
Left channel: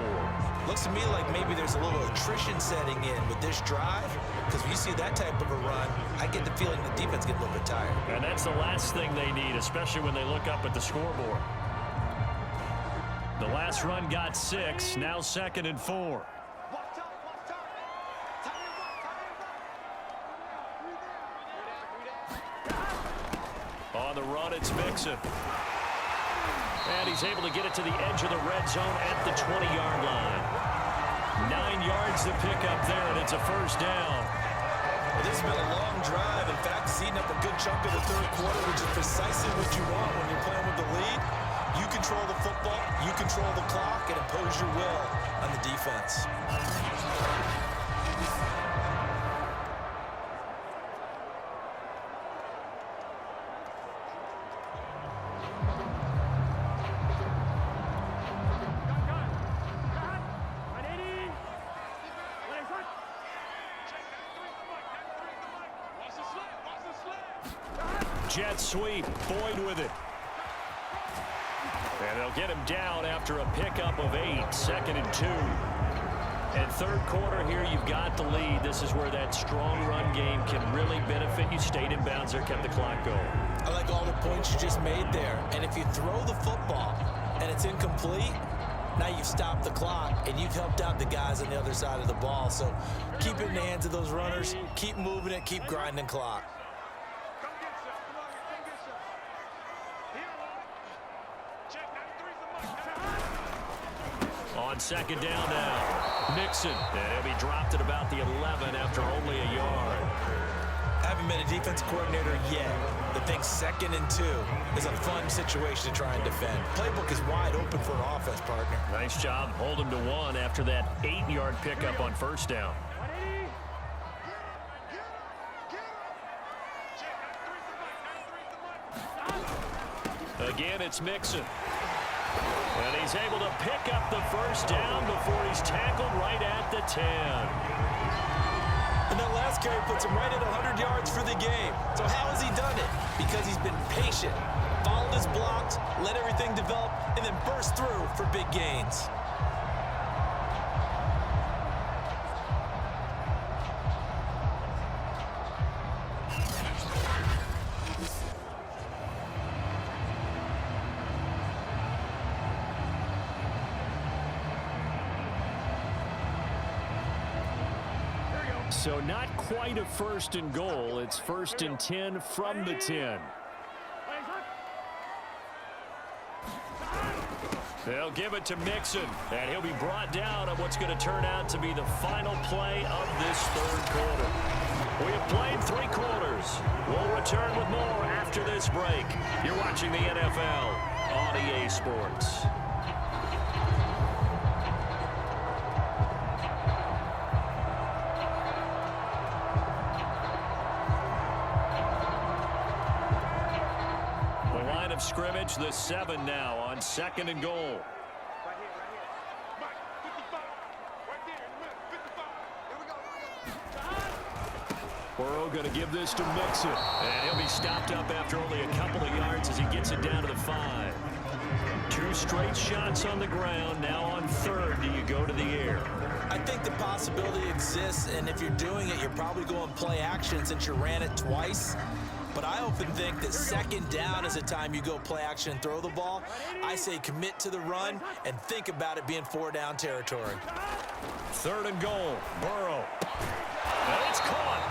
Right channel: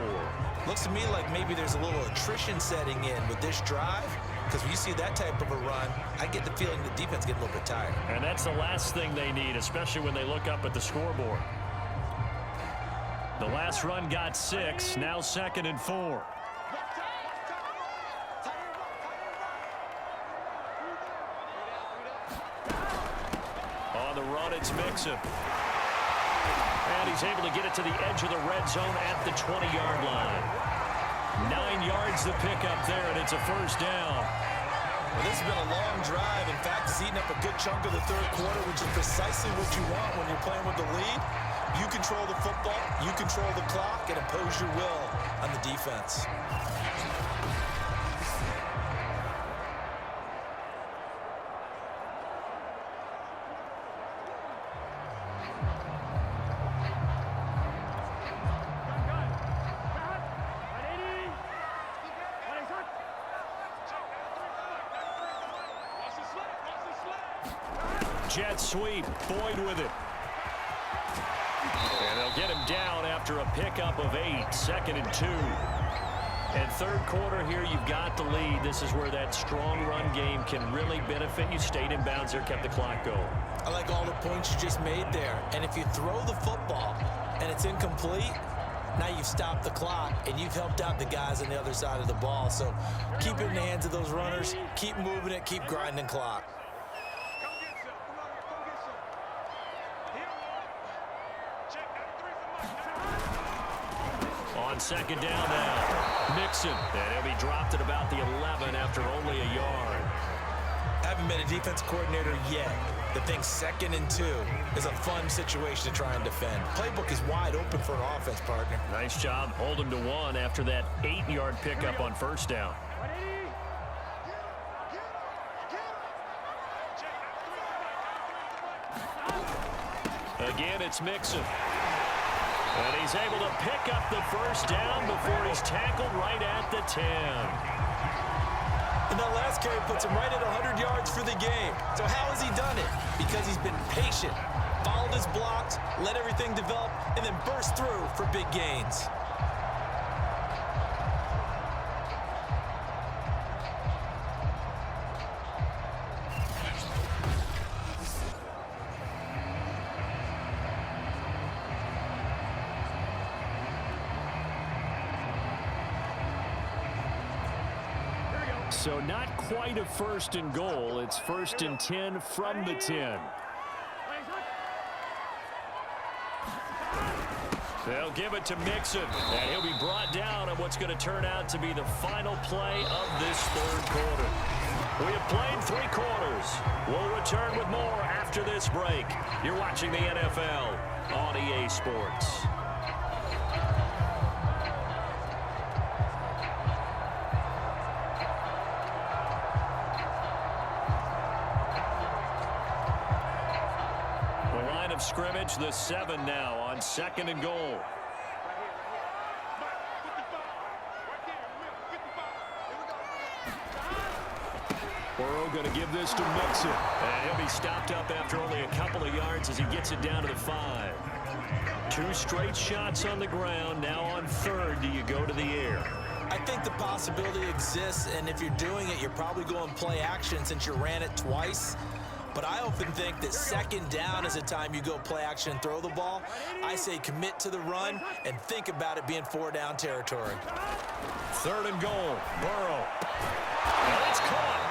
Looks to me like maybe there's a little attrition setting in with this drive, because when you see that type of a run, I get the feeling the defense gets a little bit tired. And that's the last thing they need, especially when they look up at the scoreboard. The last run got 6, now 2nd and 4. On the run, it's Mixon. And he's able to get it to the edge of the red zone at the 20-yard line. 9 yards to pick up there, and it's a first down. Well, this has been a long drive. In fact, it's eaten up a good chunk of the third quarter, which is precisely what you want when you're playing with the lead. You control the football, you control the clock, and impose your will on the defense. Jet sweep, Boyd with it. And they'll get him down after a pickup of 8, 2nd and 2. And third quarter here, you've got the lead. This is where that strong run game can really benefit you. Stayed in bounds there, kept the clock going. I like all the points you just made there. And if you throw the football and it's incomplete, now you've stopped the clock and you've helped out the guys on the other side of the ball. So keep it in the hands of those runners. Keep moving it. Keep grinding clock. On 2nd down now, Mixon. And he'll be dropped at about the 11 after only a yard. Haven't been a defense coordinator yet. The thing 2nd and 2 is a fun situation to try and defend. Playbook is wide open for an offense, partner. Nice job. Hold him to 1 after that 8-yard pickup on first down. Again, it's Mixon. And he's able to pick up the first down before he's tackled right at the 10. And that last carry puts him right at 100 yards for the game. So how has he done it? Because he's been patient, followed his blocks, let everything develop, and then burst through for big gains. So not quite a 1st and goal. It's 1st and 10 from the 10. They'll give it to Mixon, and he'll be brought down on what's going to turn out to be the final play of this 3rd quarter. We have played 3 quarters. We'll return with more after this break. You're watching the NFL on EA Sports. Of scrimmage, the 7 now on 2nd and goal. Burrow going to give this to Mixon, and he'll be stopped up after only a couple of yards as he gets it down to the 5. 2 straight shots on the ground. Now on 3rd, do you go to the air? I think the possibility exists, and if you're doing it, you're probably going play action since you ran it twice. But I often think that 2nd down is a time you go play action and throw the ball. I say commit to the run and think about it being 4-down territory. 3rd and goal. Burrow. And it's caught.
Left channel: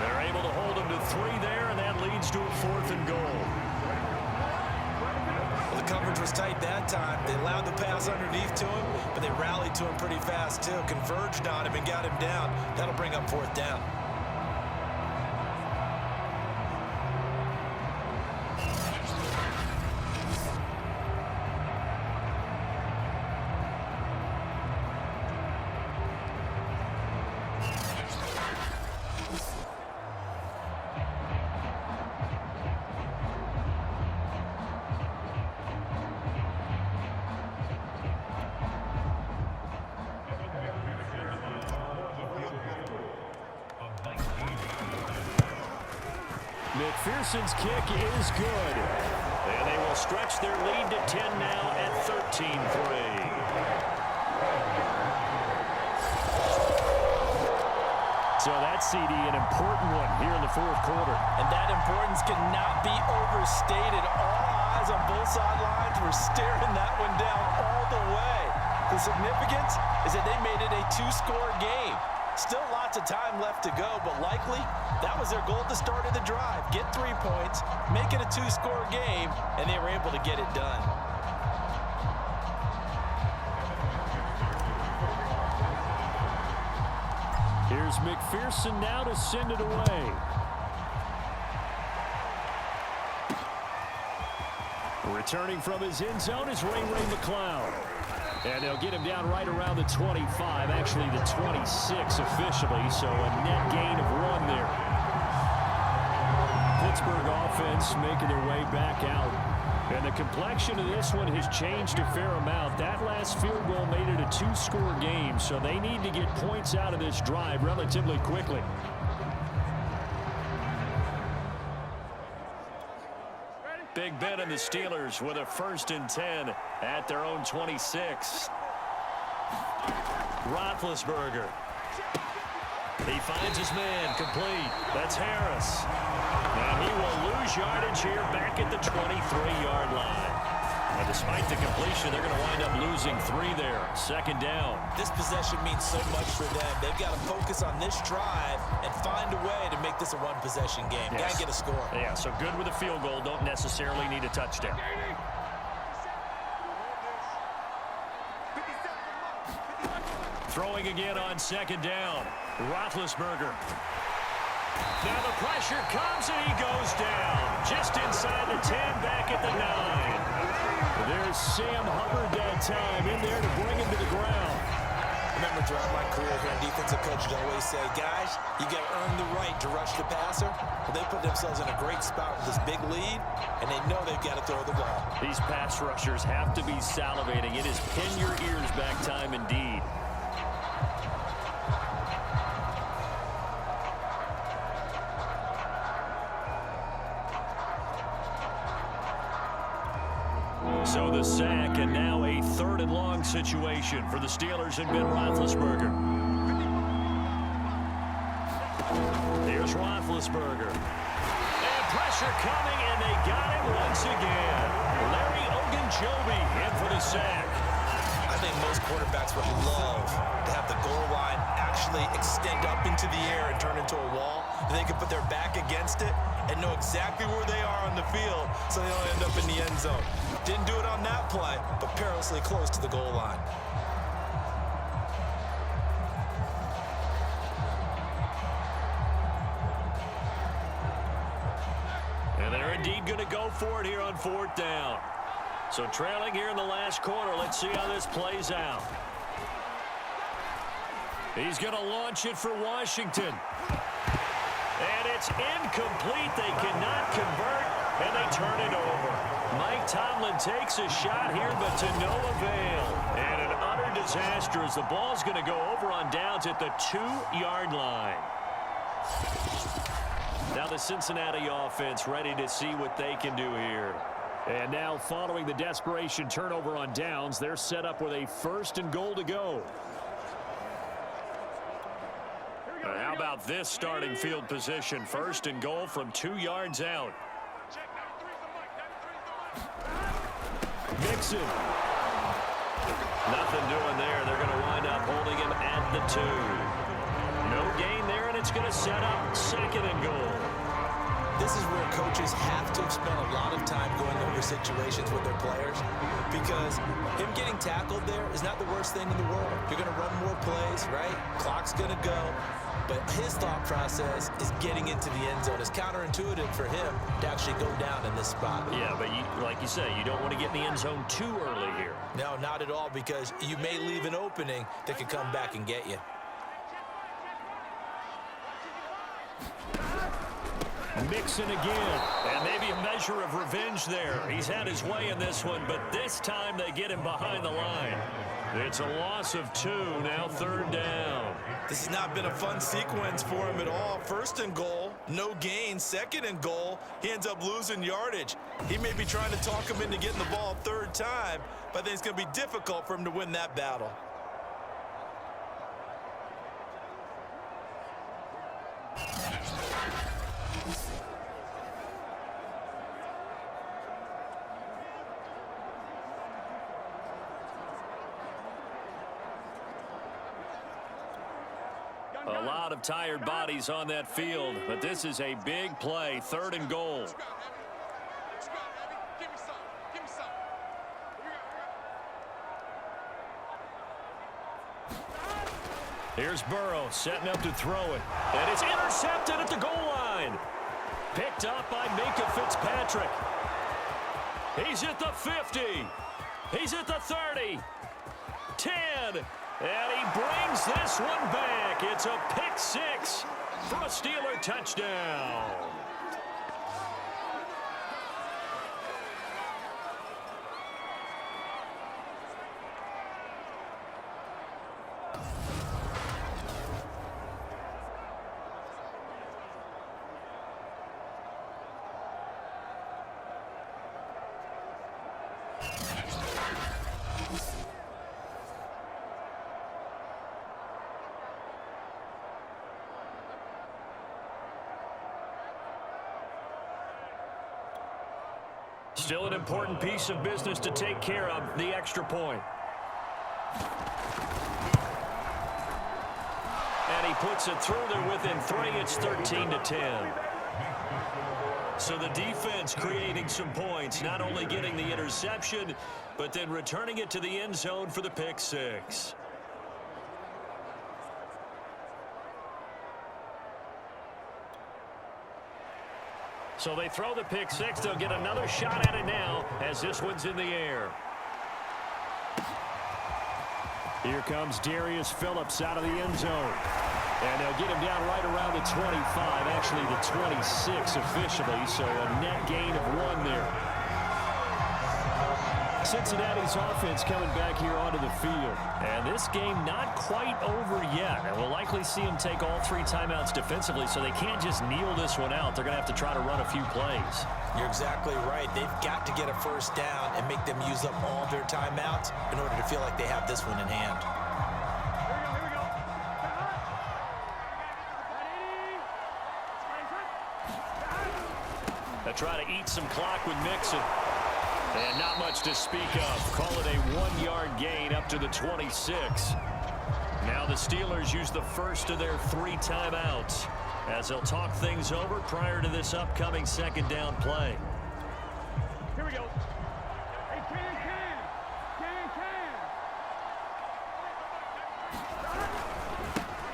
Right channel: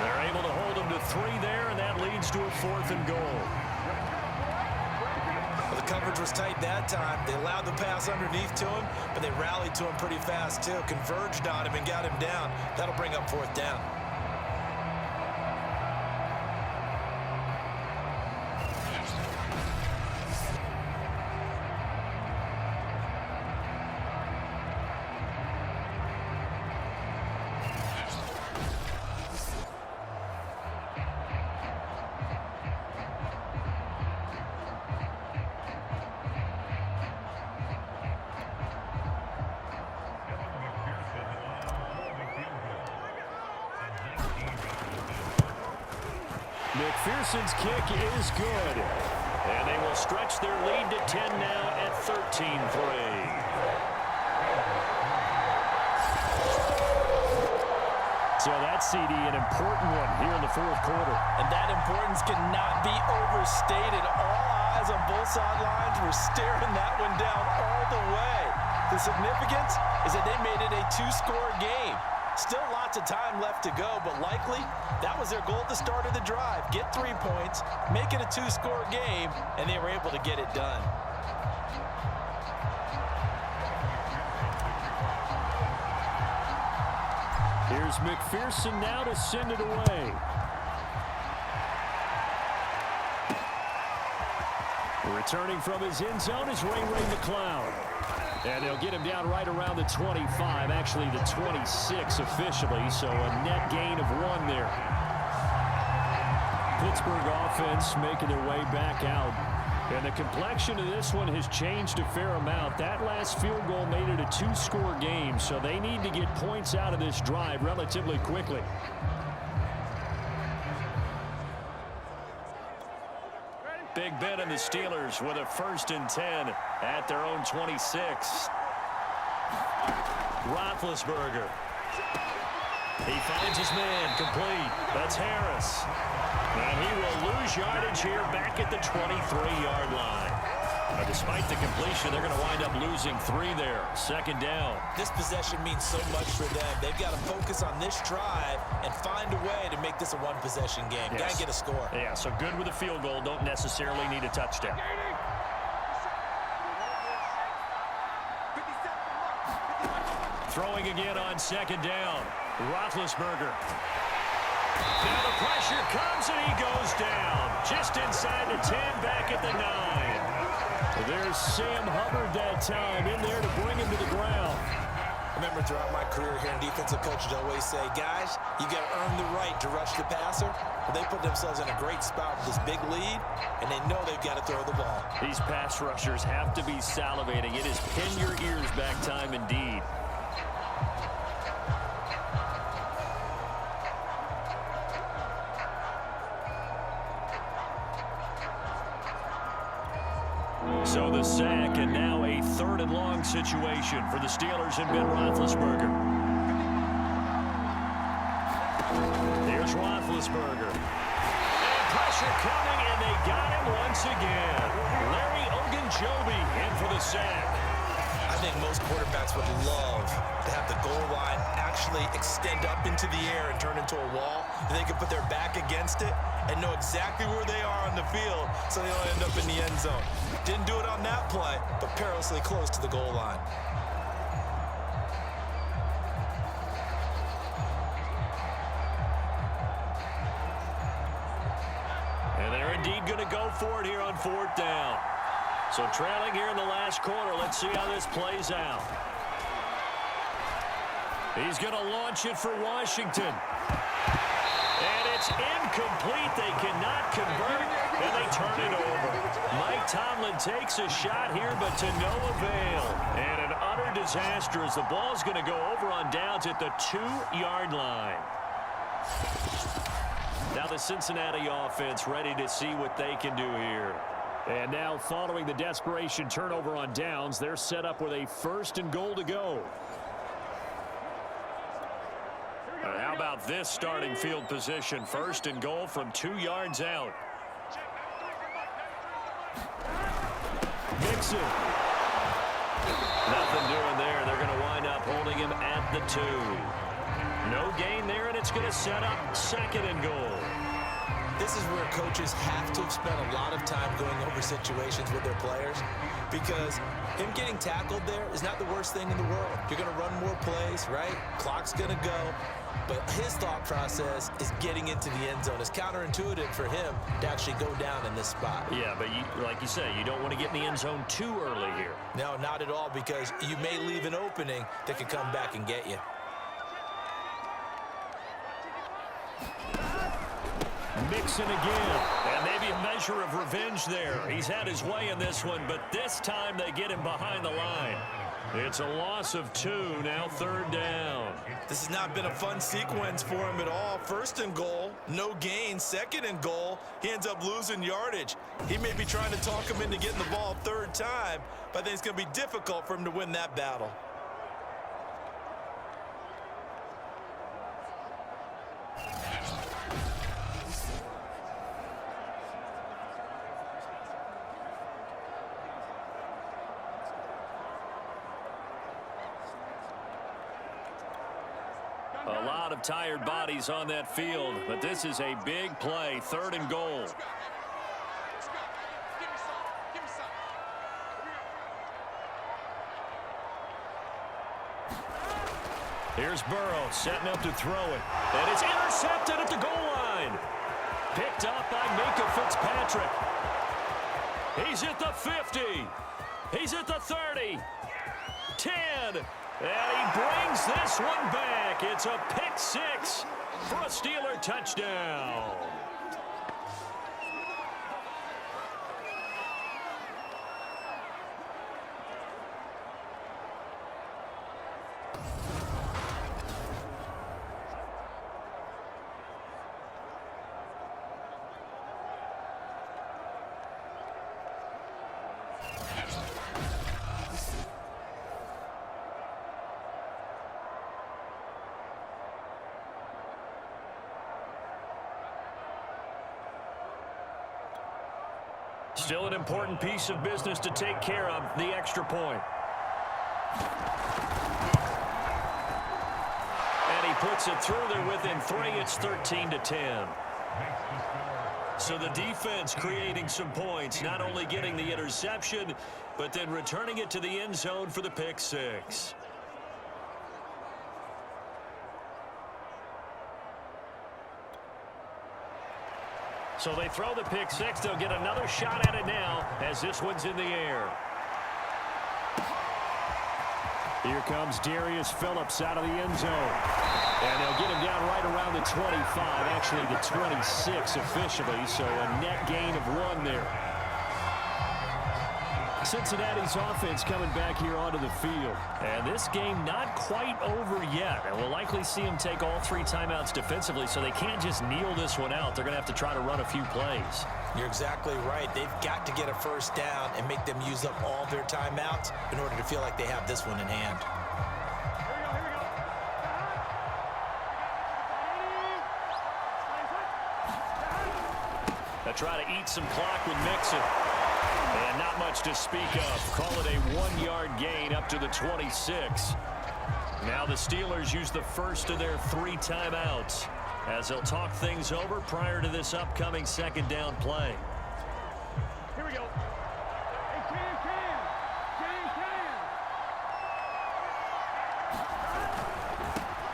They're able to hold him to 3 there, and that leads to a 4th and goal. Well, the coverage was tight that time. They allowed the pass underneath to him, but they rallied to him pretty fast, too. Converged on him and got him down. That'll bring up 4th down. McPherson's kick is good. And they will stretch their lead to 10 now at 13-3. So that CD, an important one here in the 4th quarter. And that importance cannot be overstated. All eyes on both sidelines were staring that one down all the way. The significance is that they made it a 2-score game. Still lots of time left to go, but likely that was their goal at the start of the drive. Get 3 points, make it a 2-score game, and they were able to get it done. Here's McPherson now to send it away. Returning from his end zone is Ray McCloud. And they'll get him down right around the 25, actually the 26 officially, so a net gain of 1 there. Pittsburgh offense making their way back out. And the complexion of this one has changed a fair amount. That last field goal made it a 2-score game, so they need to get points out of this drive relatively quickly. Big Ben and the Steelers with a 1st and 10 at their own 26. Roethlisberger. He finds his man complete. That's Harris. And he will lose yardage here back at the 23-yard line. But despite the completion, they're going to wind up losing 3 there. 2nd down. This possession means so much for them. They've got to focus on this drive and find a way to make this a 1-possession game. Yes. Got to get a score. Yeah, so good with a field goal. Don't necessarily need a touchdown. Throwing again on 2nd down. Roethlisberger. Now the pressure comes and he goes down. Just inside the 10, back at the 9. There's Sam Hubbard that time in there to bring him to the ground. Remember, throughout my career here in defensive coaches always say, guys, you got to earn the right to rush the passer. Well, they put themselves in a great spot with this big lead, and they know they've got to throw the ball. These pass rushers have to be salivating. It is pin your ears back time indeed. So the sack, and now a 3rd and long situation for the Steelers and Ben Roethlisberger. Here's Roethlisberger. And pressure coming, and they got him once again. Larry Ogunjobi in for the sack. I think most quarterbacks would love to have the goal line actually extend up into the air and turn into a wall. They can put their back against it and know exactly where they are on the field so they don't end up in the end zone. Didn't do it on that play, but perilously close to the goal line. And they're indeed going to go for it here on 4th down. So trailing here in the last quarter. Let's see how this plays out. He's going to launch it for Washington. And it's incomplete. They cannot convert, and they turn it over. Mike Tomlin takes a shot here, but to no avail. And an utter disaster as the ball's going to go over on downs at the 2-yard line. Now the Cincinnati offense ready to see what they can do here. And now following the desperation turnover on downs, they're set up with a 1st and goal to go. How about this starting field position? 1st and goal from 2 yards out. Mixon. Nothing doing there. They're going to wind up holding him at the 2. No gain there, and it's going to set up 2nd and goal. This is where coaches have to have spent a lot of time going over situations with their players, because him getting tackled there is not the worst thing in the world. You're going to run more plays, right? Clock's going to go. But his thought process is getting into the end zone. It's counterintuitive for him to actually go down in this spot. Yeah, but like you say, you don't want to get in the end zone too early here. No, not at all, because you may leave an opening that could come back and get you. Mixon again, and maybe a measure of revenge there. He's had his way in this one, but this time they get him behind the line. It's a loss of 2, now 3rd down. This has not been a fun sequence for him at all. 1st and goal, no gain. 2nd and goal, he ends up losing yardage. He may be trying to talk him into getting the ball 3rd time, but I think it's going to be difficult for him to win that battle. A lot of tired bodies on that field, but this is a big play. 3rd and goal. Here's Burrow setting up to throw it, and it's intercepted at the goal line. Picked up by Minka Fitzpatrick. He's at the 50. He's at the 30. 10. And he brings this one back. It's a pick 6 for a Steeler touchdown. Still an important piece of business to take care of, the extra point. And he puts it through there within 3. It's 13-10. So the defense creating some points, not only getting the interception, but then returning it to the end zone for the pick 6. So they throw the pick 6. They'll get another shot at it now as this one's in the air. Here comes Darius Phillips out of the end zone. And they'll get him down right around the 25, actually the 26 officially, so a net gain of 1 there. Cincinnati's offense coming back here onto the field. And this game not quite over yet. And we'll likely see them take all 3 timeouts defensively, so they can't just kneel this one out. They're going to have to try to run a few plays. You're exactly right. They've got to get a 1st down and make them use up all their timeouts in order to feel like they have this one in hand. Here we go. They try to eat some clock with Mixon. And not much to speak of. Call it a 1-yard gain up to the 26. Now the Steelers use the first of their 3 timeouts as they'll talk things over prior to this upcoming second down play. Here we go. Hey, can.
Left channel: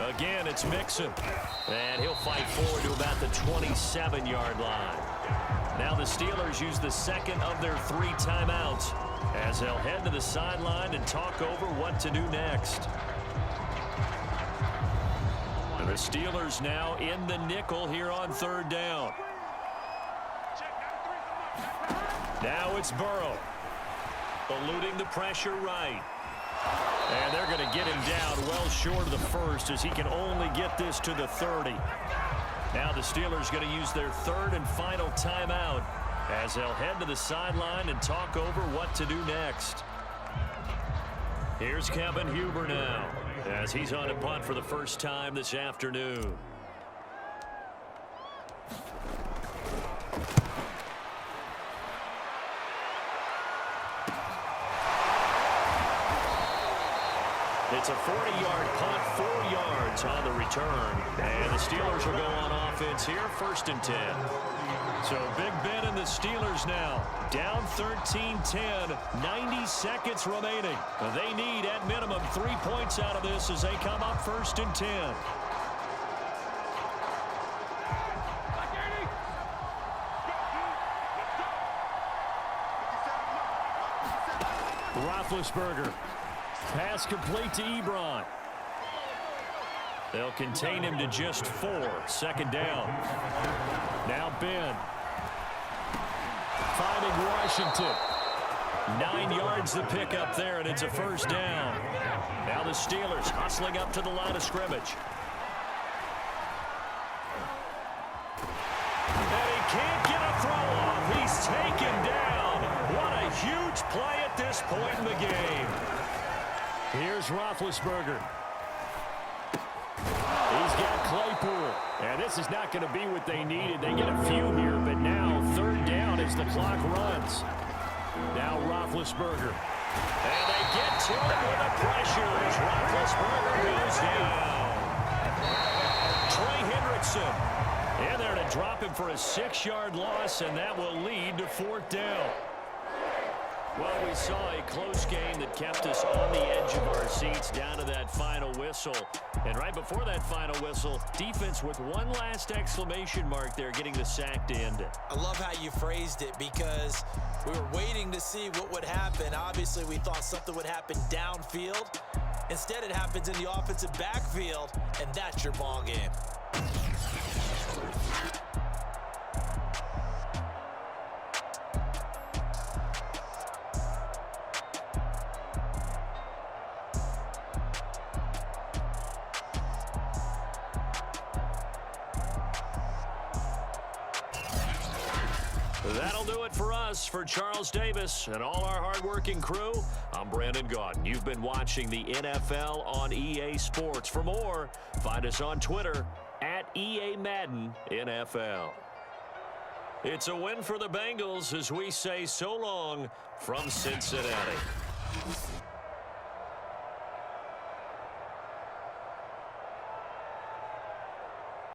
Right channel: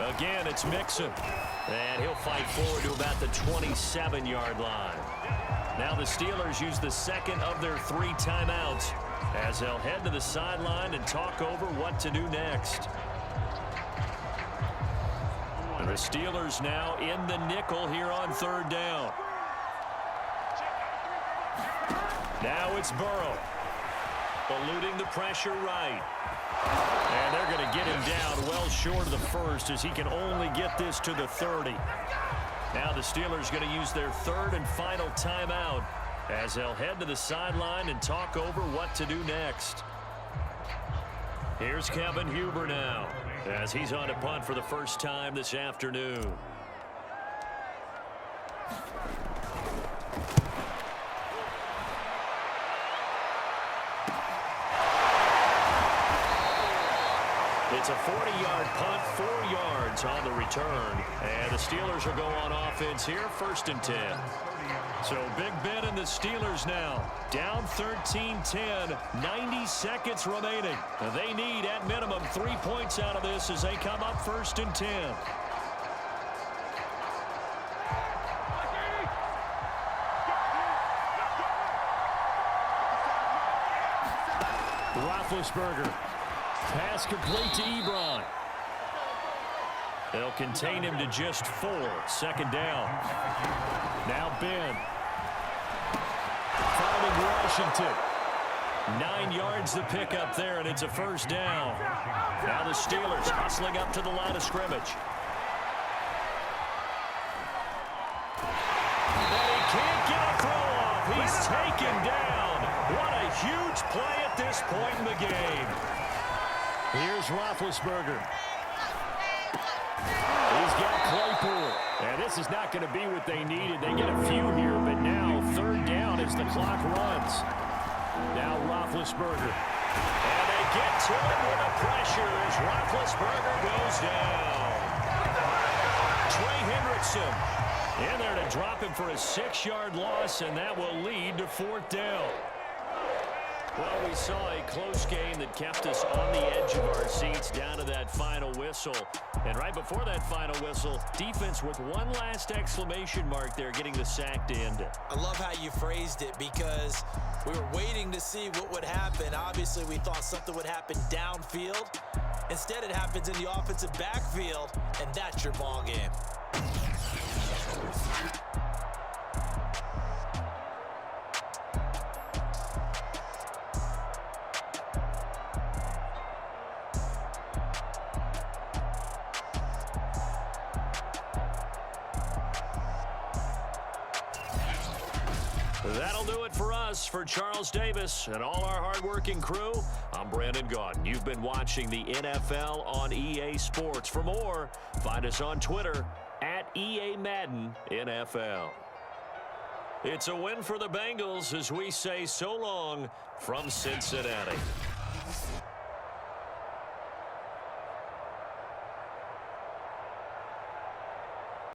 Again, it's Mixon. And he'll fight forward to about the 27-yard line. Now the Steelers use the second of their 3 timeouts as they'll head to the sideline and talk over what to do next. And the Steelers now in the nickel here on 3rd down. Now it's Burrow. Eluding the pressure right. And they're going to get him down well short of the first as he can only get this to the 30. Now the Steelers going to use their 3rd and final timeout as they'll head to the sideline and talk over what to do next. Here's Kevin Huber now as he's on a punt for the first time this afternoon. It's a 40-yard punt, 4 yards on the return. And the Steelers will go on offense here, 1st and 10. So Big Ben and the Steelers now down 13-10, 90 seconds remaining. They need at minimum 3 points out of this as they come up 1st and 10. Roethlisberger. Pass complete to Ebron. They'll contain him to just 4. 2nd down. Now Ben. Finding Washington. 9 yards to pick up there, and it's a 1st down. Now the Steelers hustling up to the line of scrimmage. And he can't get a throw off. He's taken down. What a huge play at this point in the game. Here's Roethlisberger. He's got Claypool. And this is not going to be what they needed. They get a few here, but now 3rd down as the clock runs. Now Roethlisberger. And they get to him with the pressure as Roethlisberger goes down. Trey Hendrickson in there to drop him for a 6-yard loss, and that will lead to 4th down. Well, we saw a close game that kept us on the edge of our seats down to that final whistle. And right before that final whistle, defense with one last exclamation mark there, getting the sack to end it. I love how you phrased it because we were waiting to see what would happen. Obviously, we thought something would happen downfield. Instead, it happens in the offensive backfield, and that's your ball game. That'll do it for us. For Charles Davis and all our hardworking crew, I'm Brandon Gaudin. You've been watching the NFL on EA Sports. For more, find us on Twitter at EA Madden NFL. It's a win for the Bengals as we say so long from Cincinnati.